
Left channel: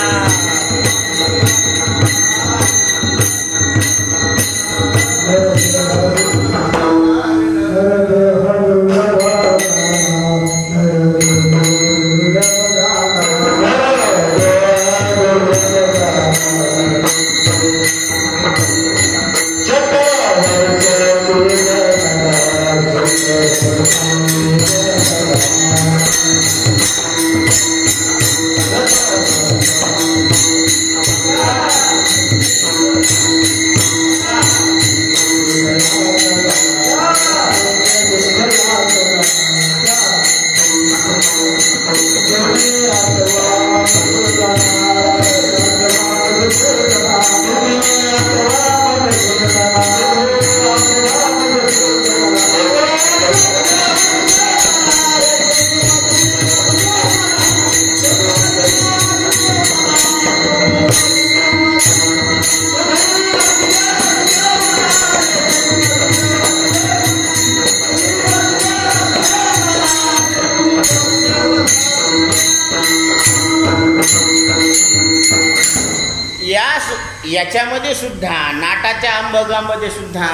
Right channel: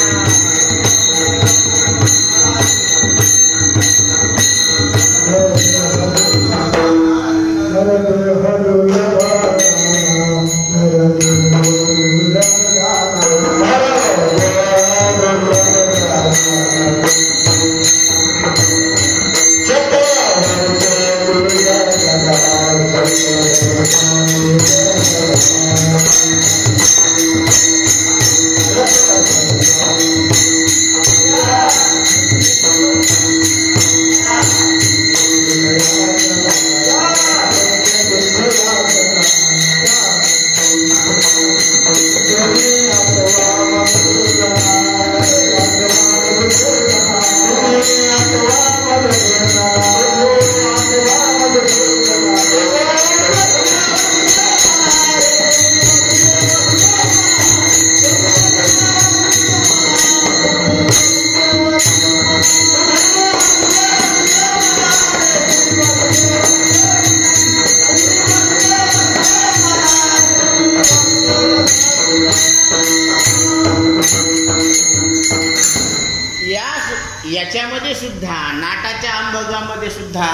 याच्यामध्ये सुद्धा नाटाच्या अंबगामध्ये सुद्धा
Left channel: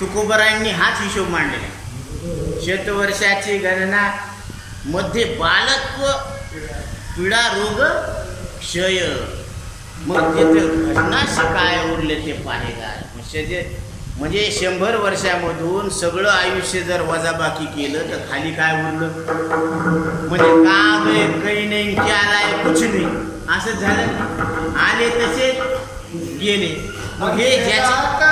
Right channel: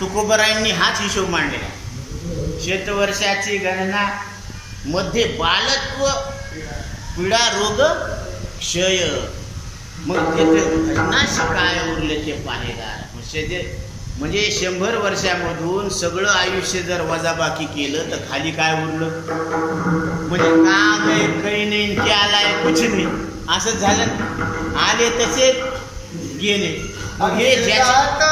तुकोबरायांनी हाच हिशोब मांडलेला आहे. शतवर्षाची गणना मध्ये बालत्व पीडा रोग क्षय. मग तिथे भजनाशी काय उरले ते पाहेगार. म्हणजे 100 वर्षामधून सगळं आयुष्य जर वजाबाकी केलं तर खाली काय उरलं? म्हणजे का गए काही नाही, क्या लाय कुछ नाही, असंच झालं. आले तसे गेले. मग हे ज्याच्या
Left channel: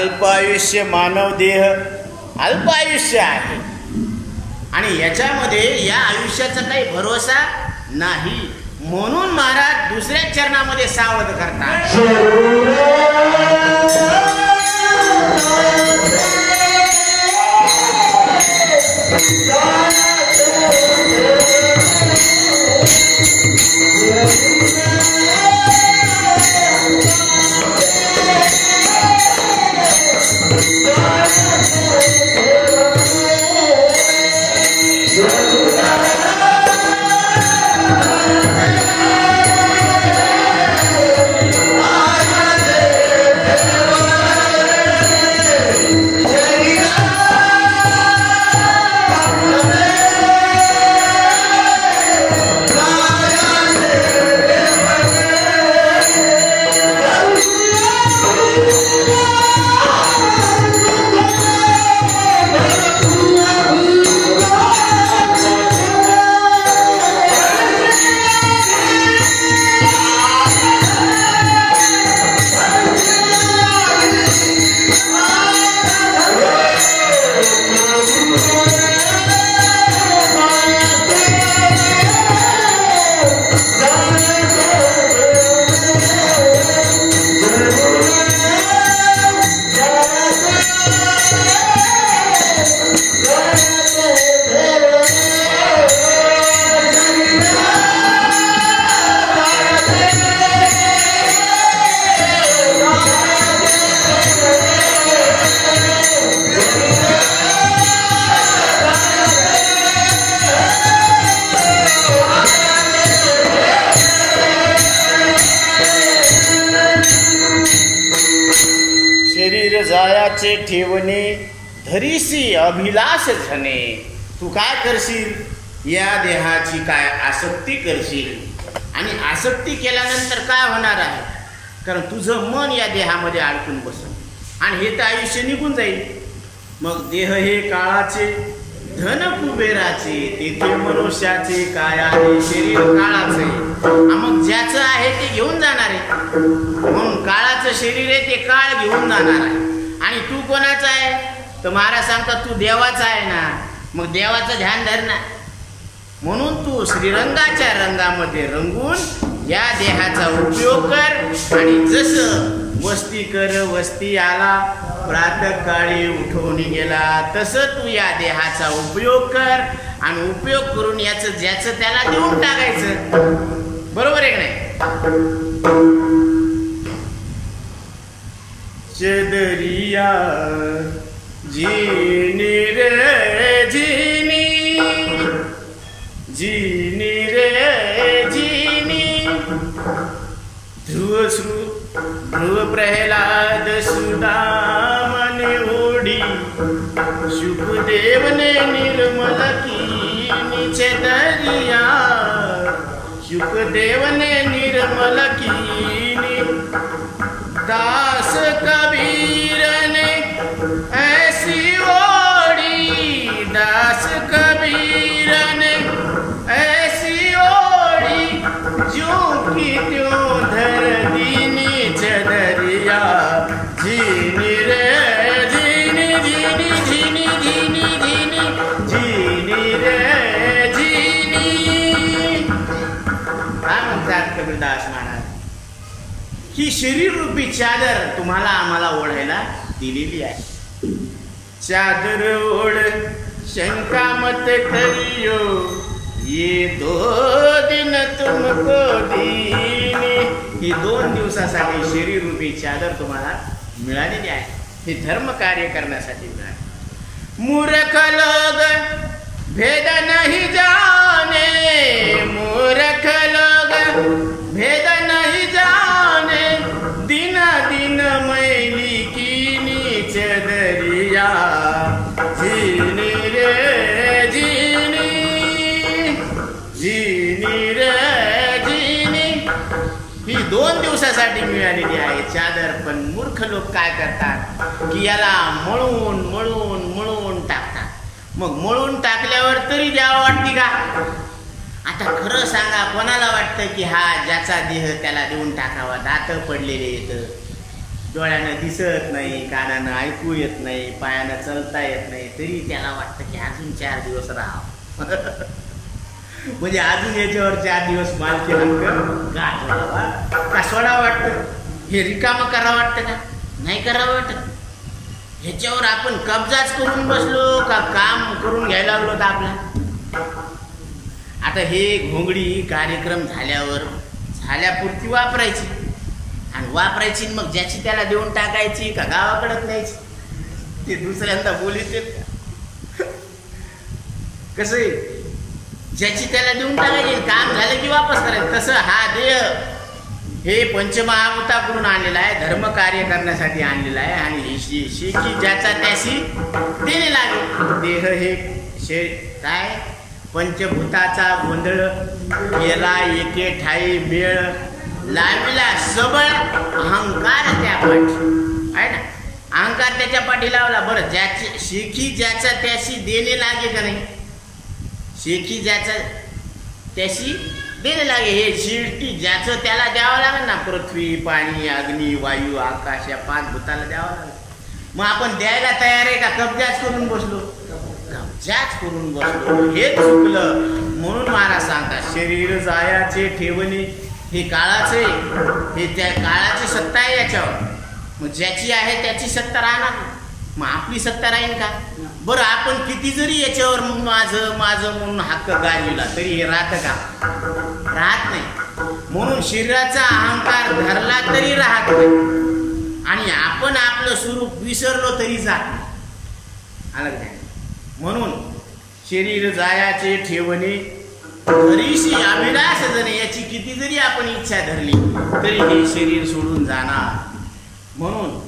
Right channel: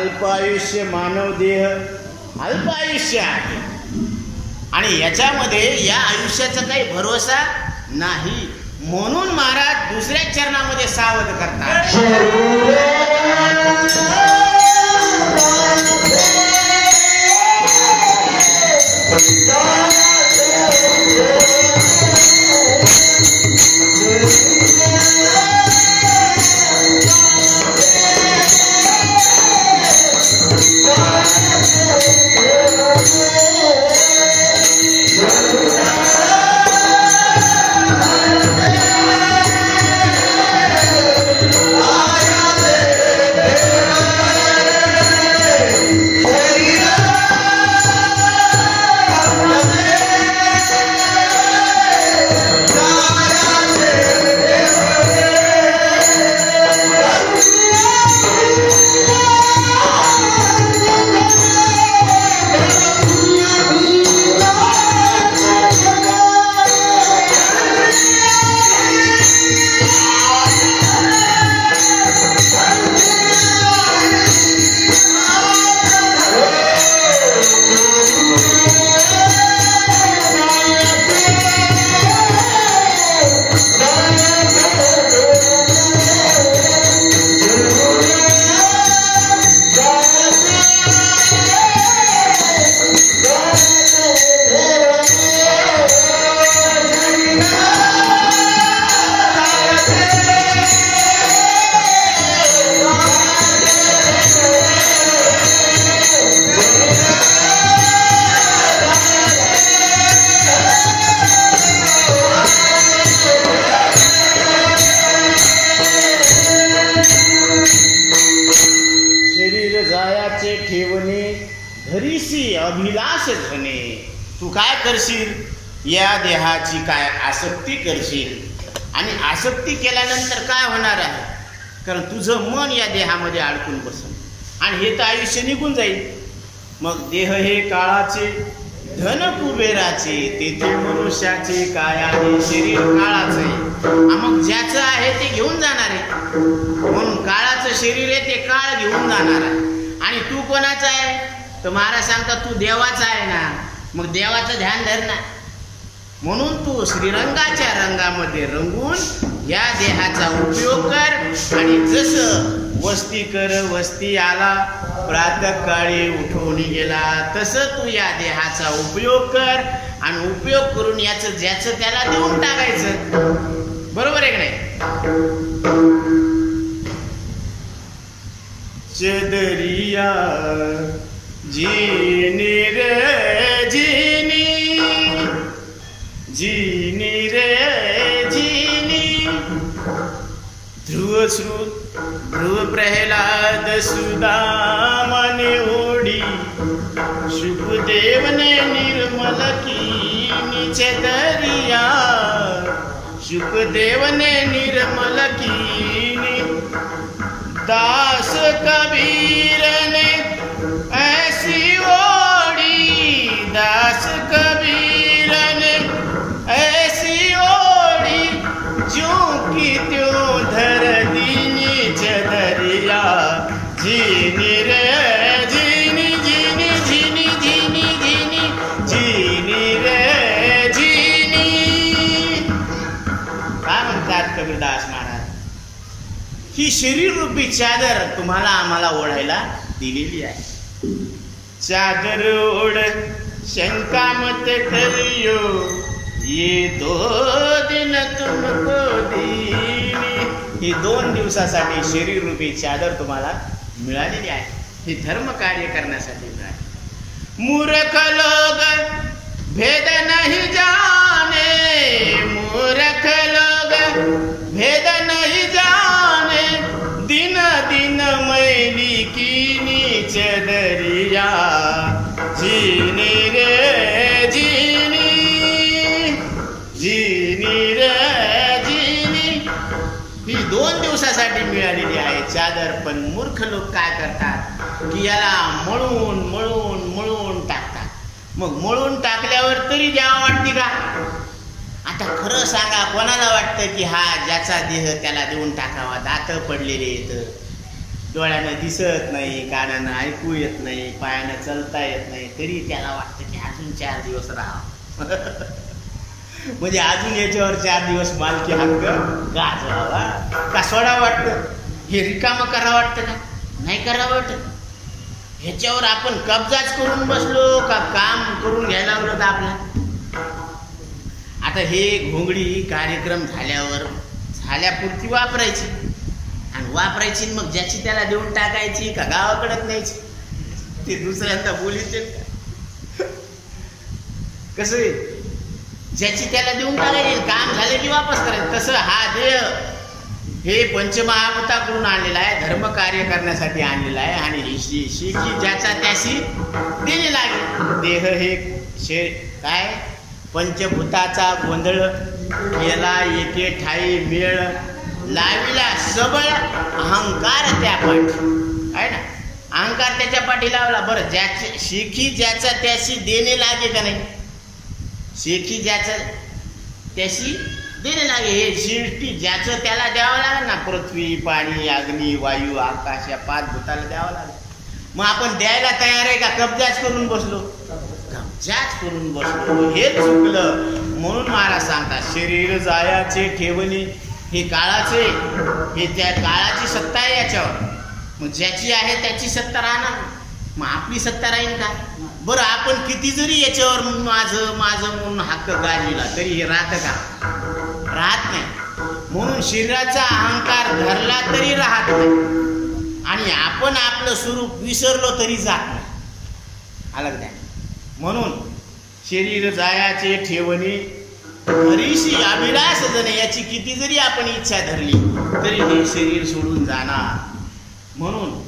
अल्पायुष्य मानव देह अल्पायुष्य आहे आणि याच्यामध्ये या आयुष्याचा काही भरोसा नाही. म्हणून महाराज दुसऱ्या चरणामध्ये सावध करतात. ठेवणे धरीसी अभिलाष झणे. तू काय करशील? या देहाची काय आसक्ती करशील आणि आसक्ती केल्यानंतर काय होणार आहे? कारण तुझं मन या देहामध्ये अडकून बसल आणि हे तर आयुष्य निघून जाईल. मग देह हे काळाचे धन कुबेराचे तेथे मनुष्याचे काय आहे? शरीर काळाचे. मग ज्याचं आहे ते घेऊन जाणार आहे. म्हणून काळाचं शरीर आहे ते काळ घेऊन जाणार आहे. आणि तू कोणाचा आहे? तर महाराज सांगतात तू देवाचा आहे ना. मग देवाचं ध्यान धर ना. म्हणून तू श्रीरंगाच्या रंगामध्ये रंगून या देहाचा उपयोग कर आणि जसं वस्ती कर वस्ती आला प्रातःकाळी उठवून गेला तसं तू या देहाचा उपयोग कर आणि उपयोग करून याचं ज्याचं त्याला देऊन टाकायचं. बरोबर आहे की नाही? चदरिया जीनी रे जीनी जीनी रे जीनी. ध्रुव प्रह्लाद सुदामने ओढी शुकदेवने निर्मल कीनी. चदरिया शुकदेवने निर्मल कीनी. दास कबीर ने ऐसी ओढ़ी. दास कबीर ने ऐसी ओढ़ी जो कि त्यों धर दीनी. चदरिया जीनी रे जीनी जीनी जीनी जीनी जीनी जीनी रे जीनी. काय म्हणतात कबीरदास महाराज? ही शरीर रूपी चादर तुम्हाला आम्हाला ओढायला दिलेली आहे. चादर ओढ शंका मत करियो ये 2 दिन तुमको दीनी. ही 2 दिवसासाठी शरीर रूपी चादर तुम्हाला मिळालेली आहे. हे धर्म कार्य करण्यासाठी मिळाले. मूर्ख लोग भेद नहीं जाने. मूर्ख लोग भेद नहीं जाने. दिन दिन मैली कीनी. चदरिया जीनी रे जीनी जीनी रे जीनी. ही 2 दिवसासाठी मिळालेली आहे चादर. पण मूर्ख लोक काय करतात की याला मळून मळून मळून टाकतात. मग मळून टाकल्यावर तरी द्यावं वाटते का? आता खरं सांगा कोणाला वाटतं की हा ज्याचा देह त्याला देऊन टाकावा? दात पडलेले येतं. डोळ्यानं दिसत नाही, कानानं ऐकू येत नाही, पायानं चालता येत नाही, तरी त्याला वाटतं की अजून 4 दिवस राहावं. म्हणजे अजून याच्यावर 4 दिवस मालकी हक्क गाजवावा का सोडावं वाटतं? हे रिकामं करावं वाटतं का? नाही करावं वाटत. ह्याच्यावर आपण कब्जाच करून बसलो का काम करून घ्यायला लागलो तर आपला. आता हे घोंगडी कार्यक्रम झाल्यापुरती वापरायची आणि वापरायची, मग ज्याची त्याला देऊन टाकायची का गावाकडं न्यायची? ते दुसऱ्यांदा बोलीत का? कसं आहे, ज्याची त्याला देऊन टाकायची, काम झालं की वापस करायचं. तसं हा देह हे पंचमहाभूताकडून आणलेला आहे, धर्म कार्य करण्यासाठी आणलेला आहे. आणि ही शिखी ज्याचा त्याशी देणे लागेल. देह हे शरीर काय पंचभूताचा गोंधळ केला, एके ठाई मेळ लाविला सबळ अहंकार त्या पाठी आहे ना. अहंकार त्याच्या पाठी लावला. बरं, ज्याची शिखी ज्याचा त्याशी देणे लागे का नाही? शिखी ज्याचा त्याशी देणे लागे. हे शिष्टी ज्याचं त्याला द्यावं लागेल ना. पृथ्वी, पाणी, अग्नी, वायू, आकाश या 5 भूताला द्यावं लागेल. मग आपण द्यायला तयार आहे का कब्जाच करून बसलो? कब्जाच करून बसलो, हे चुकलं. म्हणून मला सांगतात शरीर जायाचे ठेवणे हे काळाचे, हे त्या काळाची सत्ता आहे याच्यावर. मग ज्याची आहे त्याची सत्ता राहणार, मग आपली सत्ता राहील का? बरं, आपण किती जरी याच्यावर माझं माझं म्हणून हक्क गाजविला तरी हे राहतं का? राहत नाही. म्हणून शरीराचा अहंकार धरला तरी राहत नाही आणि आपण आपलं स्वरूप विसरलो तरी जात नाही. अलग नाही. म्हणून शरीर जायाचे ठेवणे हरीशी अभिलाष जणे, याची किती जरी आपण इच्छा धरली तरी हे शरीर सोडून जाणार. म्हणून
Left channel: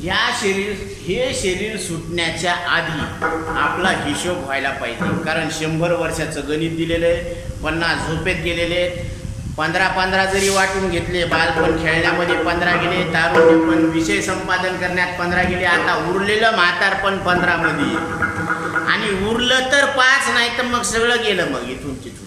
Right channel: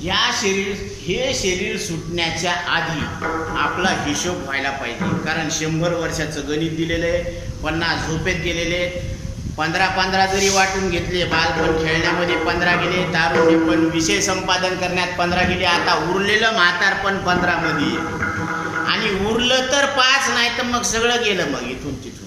हे शरीर सुटण्याच्या आधी आपला हिशोब व्हायला पाहिजे. कारण 100 वर्षाचं गणित दिलेलं आहे, 50 झोपेत गेलेले आहेत, 15 जरी वाटून घेतले, बालपण खेळण्यामध्ये 15 गेले, तारुण्य पण विषय संपादन करण्यात 15 गेले, आता उरलेलं म्हातारपण 15 मध्ये आणि उरलं तर 5, नाही तर मग सगळं गेलं मग इथून तिथून.